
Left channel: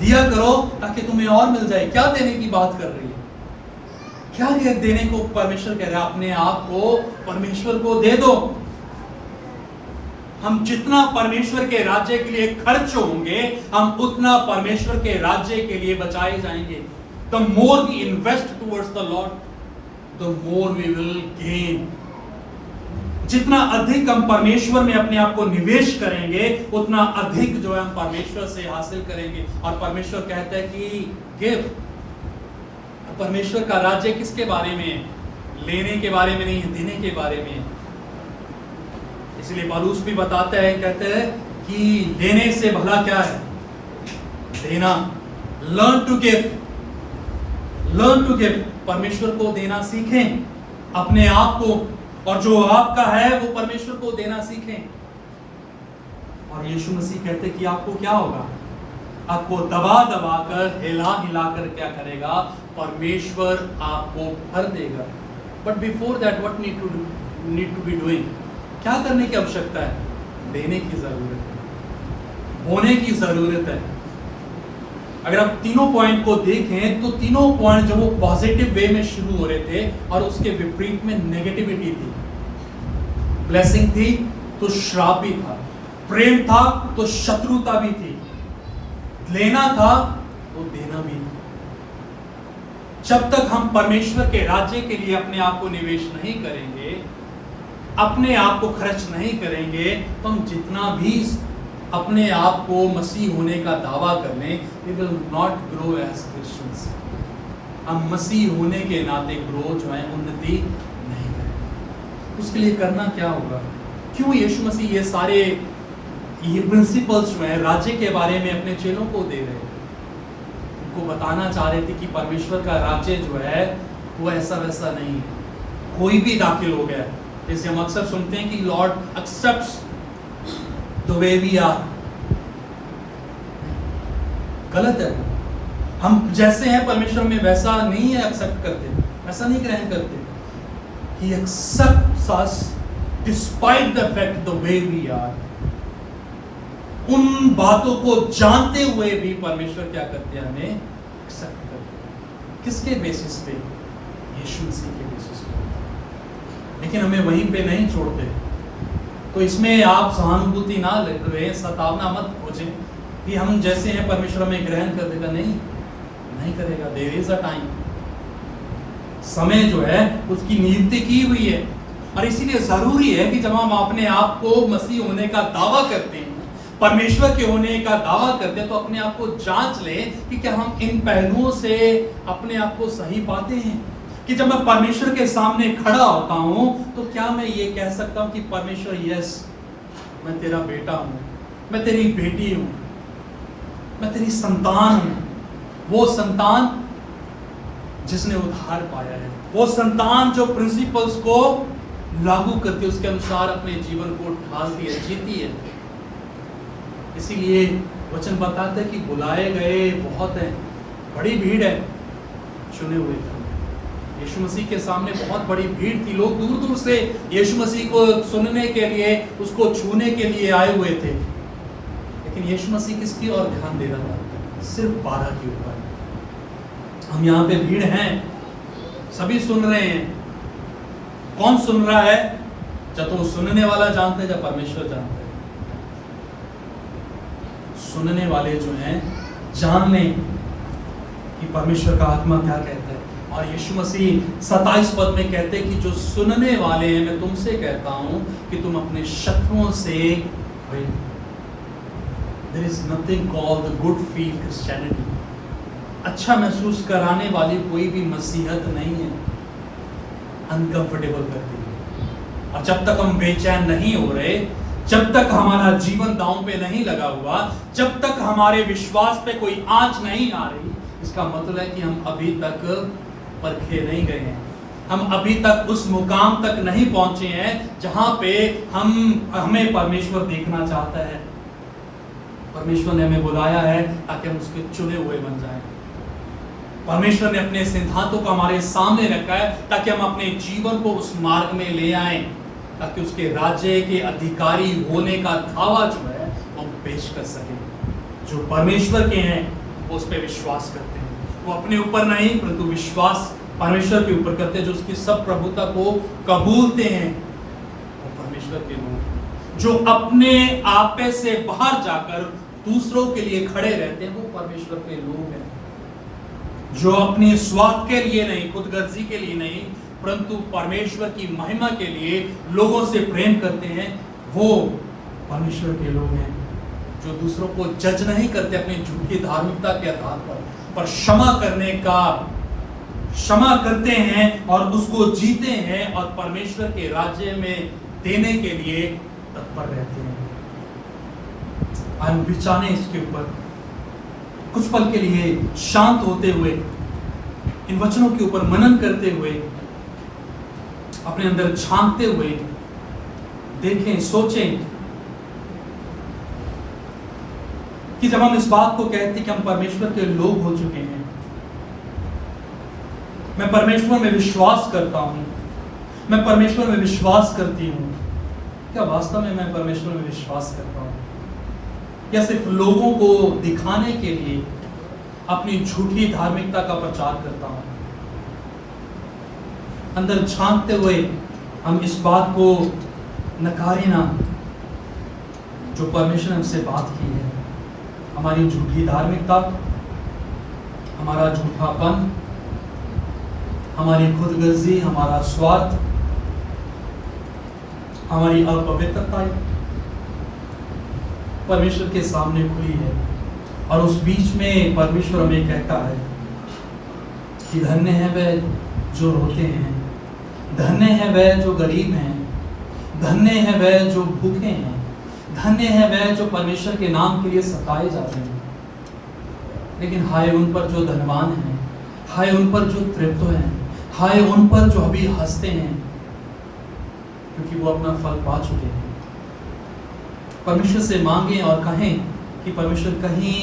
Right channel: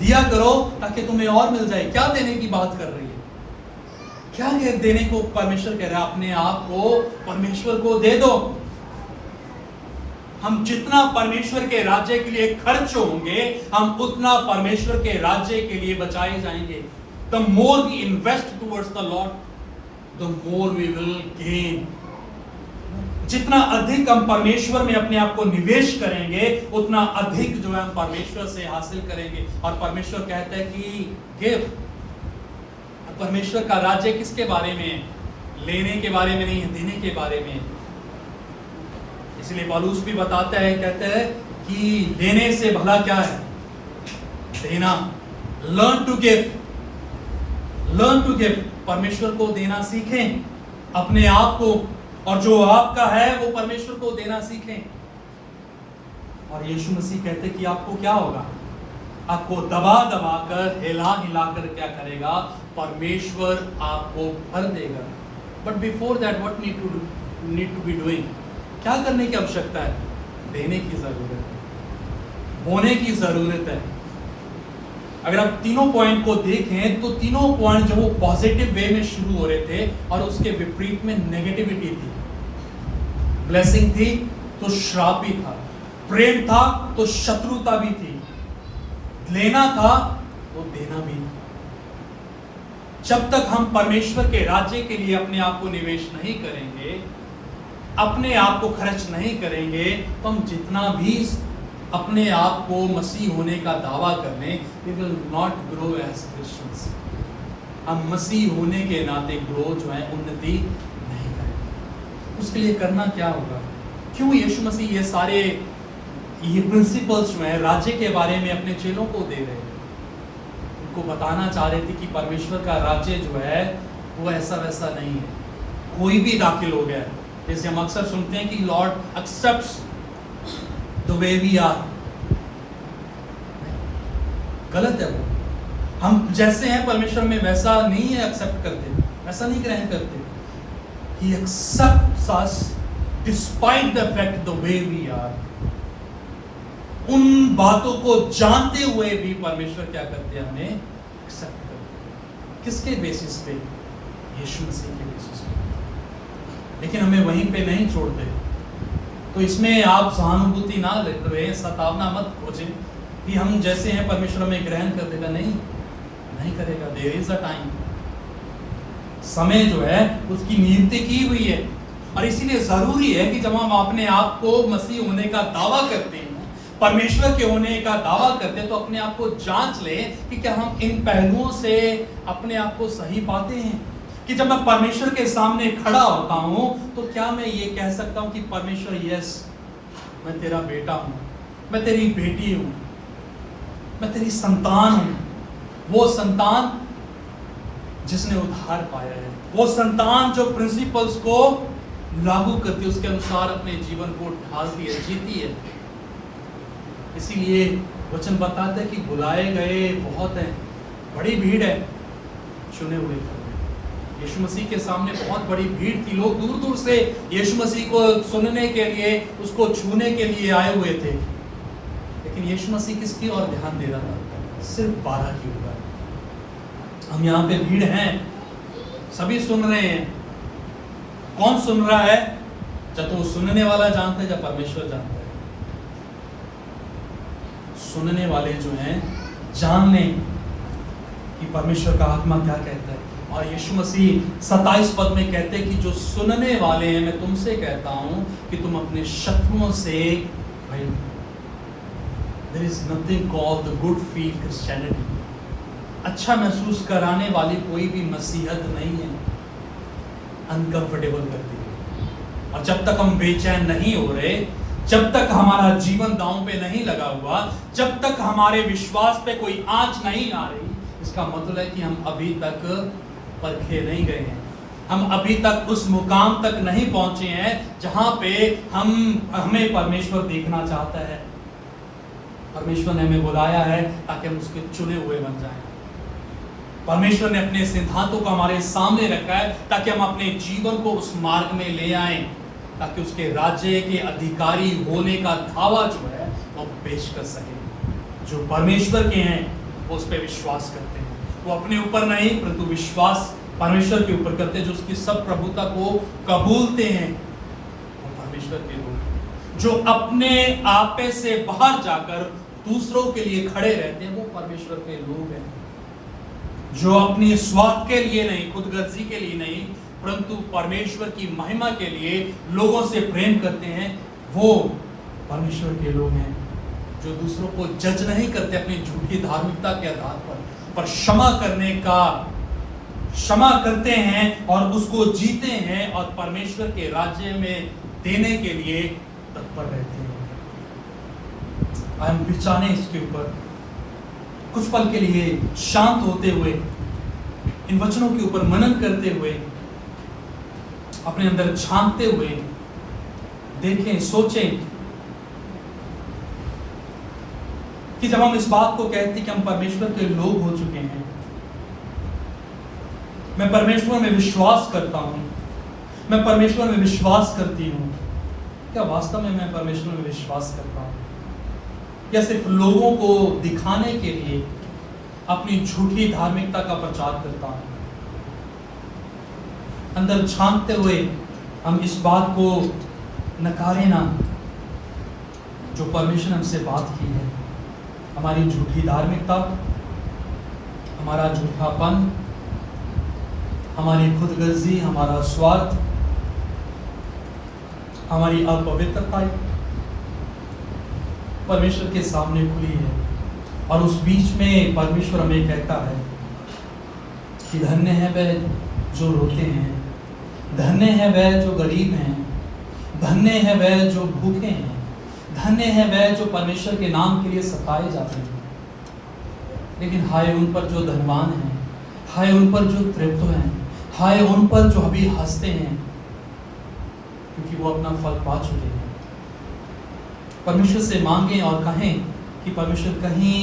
दिया करो ताकि तुम्हें और मिल जाए। क्या देने की बात कर रही है? क्या देने को परमेश्वर कह रहा है? अपने आप को परमेश्वर को दे दो। हम जितना परमेश्वर के राज्य के लिए खर्च होंगे, हम उतना परमेश्वर के राज्य के लिए बचाए जाएंगे। The more we invest towards the Lord, the more we will gain. जितना अधिक हम परमेश्वर में अपने आप को निवेश करेंगे, उतना अधिक जो है हम परमेश्वर से हासिल करेंगे। और परमेश्वर कहता है कि गिव। परमेश्वर का राज्य किसके बारे में है? लेने के बारे में नहीं है, देने के बारे में है। इसलिए पौलुस भी बताता है, कहते हैं कि लेने से भला क्या है? देना। Learn to give, learn to give. परमेश्वर को देना सीखें, अपने आप को, और जो आपका है वो परमेश्वर को देना सीखें। और यीशु मसीह कहते कि आपको क्या होगा? आपको दबा दबा कर, हिला हिला कर क्या करेगा? परमेश्वर आपको फल देगा। But before that what need to be doing? क्या करने की आवश्यकता है? देने की जरूरत है, बोने की जरूरत है। अगर आप तीनों पॉइंट को देखें तो तीनों पॉइंट जो वो पॉजिटिव वे में शुरू हो रहे थे और उसके विपरीत में नेगेटिविटी थी। ब्लेसिंग थी तो श्राप भी था, प्रेम था तो शत्रुता भी थी, लेना था तो देना भी था। जब तक हम परमेश्वर के राज्य के लिए अपने आप को निवेश नहीं करेंगे, अपने आप को खर्च नहीं करेंगे, तो हम जितना भी अपने आप को मसीह होने का दावा कर लें, we will not grow as Christians. हम मसीह होने के नाते ग्रो जो है उन्नति नहीं करेंगे। उसके लिए करना क्या होगा? क्यों यीशु मसीह ये सारे प्रिंसिपल्स जो है राज्य के बारे में अपने चेलों को दे रहे हैं? उनको बताना चाह रहे थे कि परमेश्वर का राज्य जो है वो ऐसा वैसा नहीं है, कोई भी दाखिल हो गया। जैसे हम अक्सर सुनते हैं कि Lord accepts the way we are। गलत है वो। हम जैसे हैं परमेश्वर में वैसा नहीं है एक्सेप्ट करते, वैसा नहीं ग्रहण करते। He accepts us despite the fact the way we are। उन बातों को जानते हुए भी परमेश्वर क्या करते हैं? हमें एक्सेप्ट करते हैं। किसके बेसिस पे? यीशु मसीह के बेसिस पे। लेकिन हमें वहीं पे नहीं छोड़ते। तो इसमें आप सहानुभूति ना रखें, सतावना मत खोजें कि हम जैसे हैं परमेश्वर हमें ग्रहण कर देगा। नहीं करेगा। देयर इज अ टाइम, समय जो है उसकी नियुक्ति की हुई है। और इसीलिए जरूरी है कि जब हम अपने आप को मसीह होने का दावा करते हैं, परमेश्वर के होने का दावा करते हैं, तो अपने आप को जांच लें कि क्या हम इन पहलुओं से अपने आप को सही पाते हैं। कि जब मैं परमेश्वर के सामने खड़ा होता हूं तो क्या मैं ये कह सकता हूं कि परमेश्वर यस, मैं तेरा बेटा हूं, मैं तेरी बेटी हूं, मैं तेरी संतान हूं, वो संतान जिसने उद्धार पाया है, वो संतान जो प्रिंसिपल्स को लागू करती है, उसके अनुसार अपने जीवन को ढालती है, जीती है। इसीलिए वचन बताता है कि बुलाए गए बहुत हैं, बड़ी भीड़ है, चुने हुए। यीशु मसीह के सामने बहुत बड़ी भीड़ थी। लोग दूर दूर से यीशु मसीह को सुनने के लिए, उसको छूने के लिए आए हुए थे। लेकिन यीशु मसीह किसकी ओर ध्यान दे रहा था? सिर्फ 12 के ऊपर। हम यहाँ पे भीड़ हैं, सभी सुन रहे हैं। कौन सुन रहा है? जब तो सुनने वाला जानता है, जब परमेश्वर जानता है। सुनने वाले जो हैं जान लें कि परमेश्वर का आत्मा क्या कहता है। और यीशु मसीह 27 पद में कहते हैं कि जो सुनने वाले हैं, मैं तुमसे कहता हूं कि तुम अपने शत्रुओं से भाई, there is nothing called the good feel Christianity। अच्छा महसूस कराने वाली कोई भी मसीहत नहीं है। अनकंफर्टेबल करती है। और जब तक हम बेचैन नहीं हो रहे, जब तक हमारा जीवन दांव पे नहीं लगा हुआ, जब तक हमारे विश्वास पे कोई आंच नहीं आ रही, इसका मतलब है कि हम अभी तक परखे नहीं गए हैं, हम अभी तक उस मुकाम तक नहीं पहुंचे हैं जहां पे हमें परमेश्वर देखना चाहता है। परमेश्वर ने हमें बुलाया है ताकि हम उसके चुने हुए बन जाएं। परमेश्वर ने अपने सिद्धांतों को हमारे सामने रखा है ताकि हम अपने जीवन को उस मार्ग में ले आएं, ताकि उसके राज्य के अधिकारी होने का दावा जो है वो पेश कर सके। जो परमेश्वर के हैं वो उस पर विश्वास करते हैं, वो अपने ऊपर नहीं परंतु विश्वास परमेश्वर के ऊपर करते हैं। जो उसकी सब प्रभुता को कबूलते हैं वो परमेश्वर के लोग हैं। जो अपने आपे से बाहर जाकर दूसरों के लिए खड़े रहते हैं वो परमेश्वर के लोग हैं। जो अपने स्वार्थ के लिए नहीं, खुदगर्जी के लिए नहीं, परंतु परमेश्वर की महिमा के लिए लोगों से प्रेम करते हैं वो परमेश्वर के लोग हैं। जो दूसरों को जज नहीं करते अपनी झूठी धार्मिकता के आधार पर क्षमा करते हैं और उसको जीते हैं और परमेश्वर के राज्य में देने के लिए तत्पर रहते हैं। हम बिचाने इसके ऊपर कुछ पल के लिए शांत होते हुए, इन वचनों के ऊपर मनन करते हुए, अपने अंदर झांकते हुए देखें, सोचें कि जब हम इस बात को कहते हैं कि हम परमेश्वर के लोग हो चुके हैं, मैं परमेश्वर में विश्वास करता हूं, मैं परमेश्वर में विश्वास करती हूं, क्या वास्तव में मैं परमेश्वर में विश्वास करता हूं? क्या सिर्फ लोगों को दिखाने के लिए अपनी झूठी धार्मिकता का प्रचार करता हूं? अंदर झांकते हुए हम इस बात को नकारें ना जो परमेश्वर ने हमसे बात की है। हमारी झूठी धार्मिकता, हमारा झूठापन, हमारी खुदगर्जी, हमारा स्वार्थ, हमारी अपवित्रता परमेश्वर के सामने खुली है। और उस बीच में परमेश्वर हमें कहता है कि धन्य है वह जो रोते हैं, धन्य है वह जो गरीब हैं, धन्य है वह जो भूखे हैं, धन्य है वह जो परमेश्वर के नाम के लिए सताए जा रहे हैं। लेकिन हाय उन पर जो धनवान हैं, हाय उन पर जो तृप्त हैं, हाय उन पर जो अभी हंसते हैं, क्योंकि वो अपना फल पा चुके हैं। परमेश्वर से मांगें और कहें कि परमेश्वर कहीं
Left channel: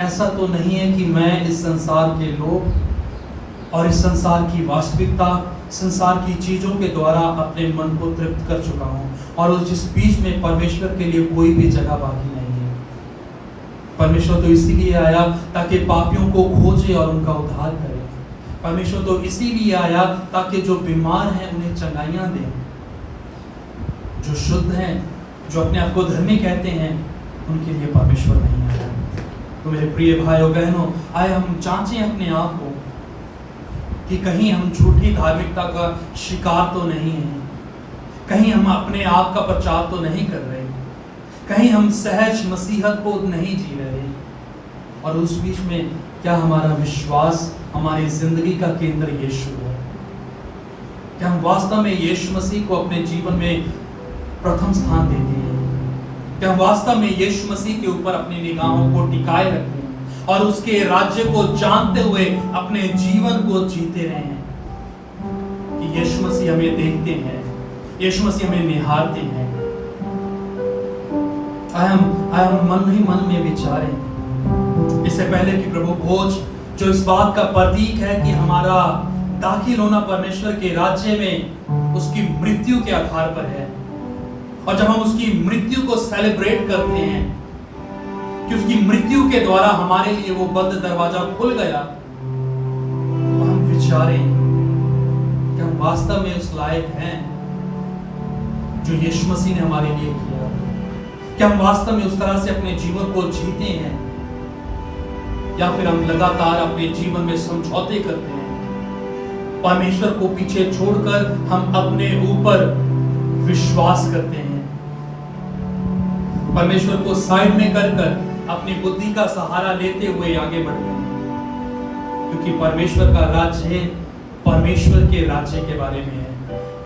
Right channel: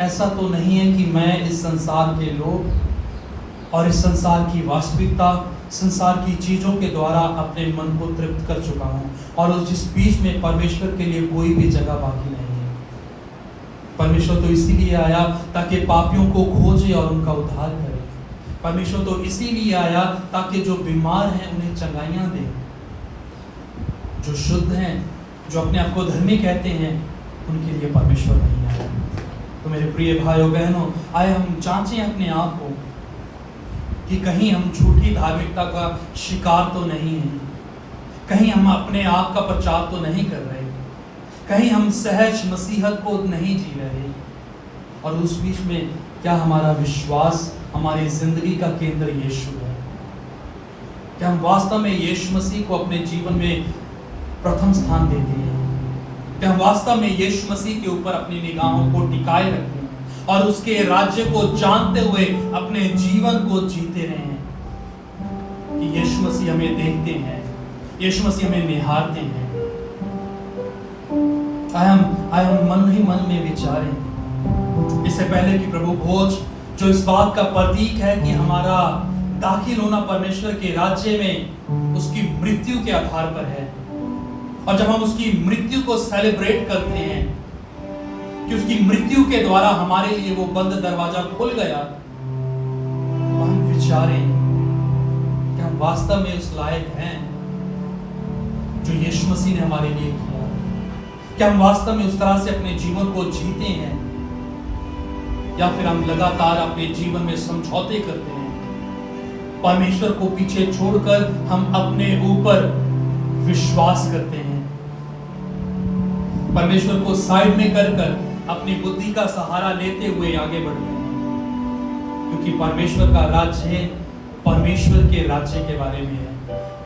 ऐसा तो नहीं है कि मैं इस संसार के लोग और इस संसार की वास्तविकता, संसार की चीजों के द्वारा अपने मन को तृप्त कर चुका हूं और उस जिस बीच में परमेश्वर के लिए कोई भी जगह बाकी नहीं है। परमेश्वर तो इसीलिए आया ताकि पापियों को खोजे और उनका उद्धार करे। परमेश्वर तो इसीलिए आया ताकि जो बीमार हैं उन्हें चंगाइयां दे, जो शुद्ध हैं, जो अपने आप को धर्मी कहते हैं, उनके लिए परमेश्वर नहीं है। तो मेरे प्रिय भाइयों बहनों, आए हम जांचें अपने आप को कि कहीं हम झूठी धार्मिकता का शिकार तो नहीं हैं, कहीं हम अपने आप का प्रचार तो नहीं कर रहे, कहीं हम सहज मसीहत को नहीं जी रहे, और उस बीच में क्या हमारा विश्वास, हमारी जिंदगी का केंद्र यीशु है? क्या हम वास्तव में यीशु मसीह को अपने जीवन में प्रथम स्थान देते हैं? क्या हम वास्तव में यीशु मसीह के ऊपर अपनी निगाहों को टिकाए रखते हैं और उसके राज्य को जानते हुए अपने जीवन को जीते रहे हैं कि यीशु मसीह हमें देखते हैं, यीशु मसीह हमें निहारते हैं? आए हम मन ही मन में विचारें, इससे पहले कि प्रभु भोज जो इस बात का प्रतीक है कि हमारा दाखिल होना परमेश्वर के राज्य में उसकी मृत्यु के आधार पर है, और जब हम उसकी मृत्यु को सेलिब्रेट करते हैं कि उसकी मृत्यु के द्वारा हमारे लिए वो बंद दरवाजा खुल गया, तो हम विचारें कि हम वास्तव में उस लायक हैं जो यीशु मसीह ने हमारे लिए किया? क्या हम वास्तव में उस तरह से अपने जीवन को जीते हैं, या फिर हम लगातार अपने जीवन में समझौते करते हैं? परमेश्वर को पीछे छोड़कर हम अपने ऊपर विश्वास करते हैं, परमेश्वर को साइड में कर अपनी बुद्धि का सहारा लेते हुए आगे बढ़ते हैं, क्योंकि परमेश्वर का राज्य है, परमेश्वर के राज्य के बारे में है।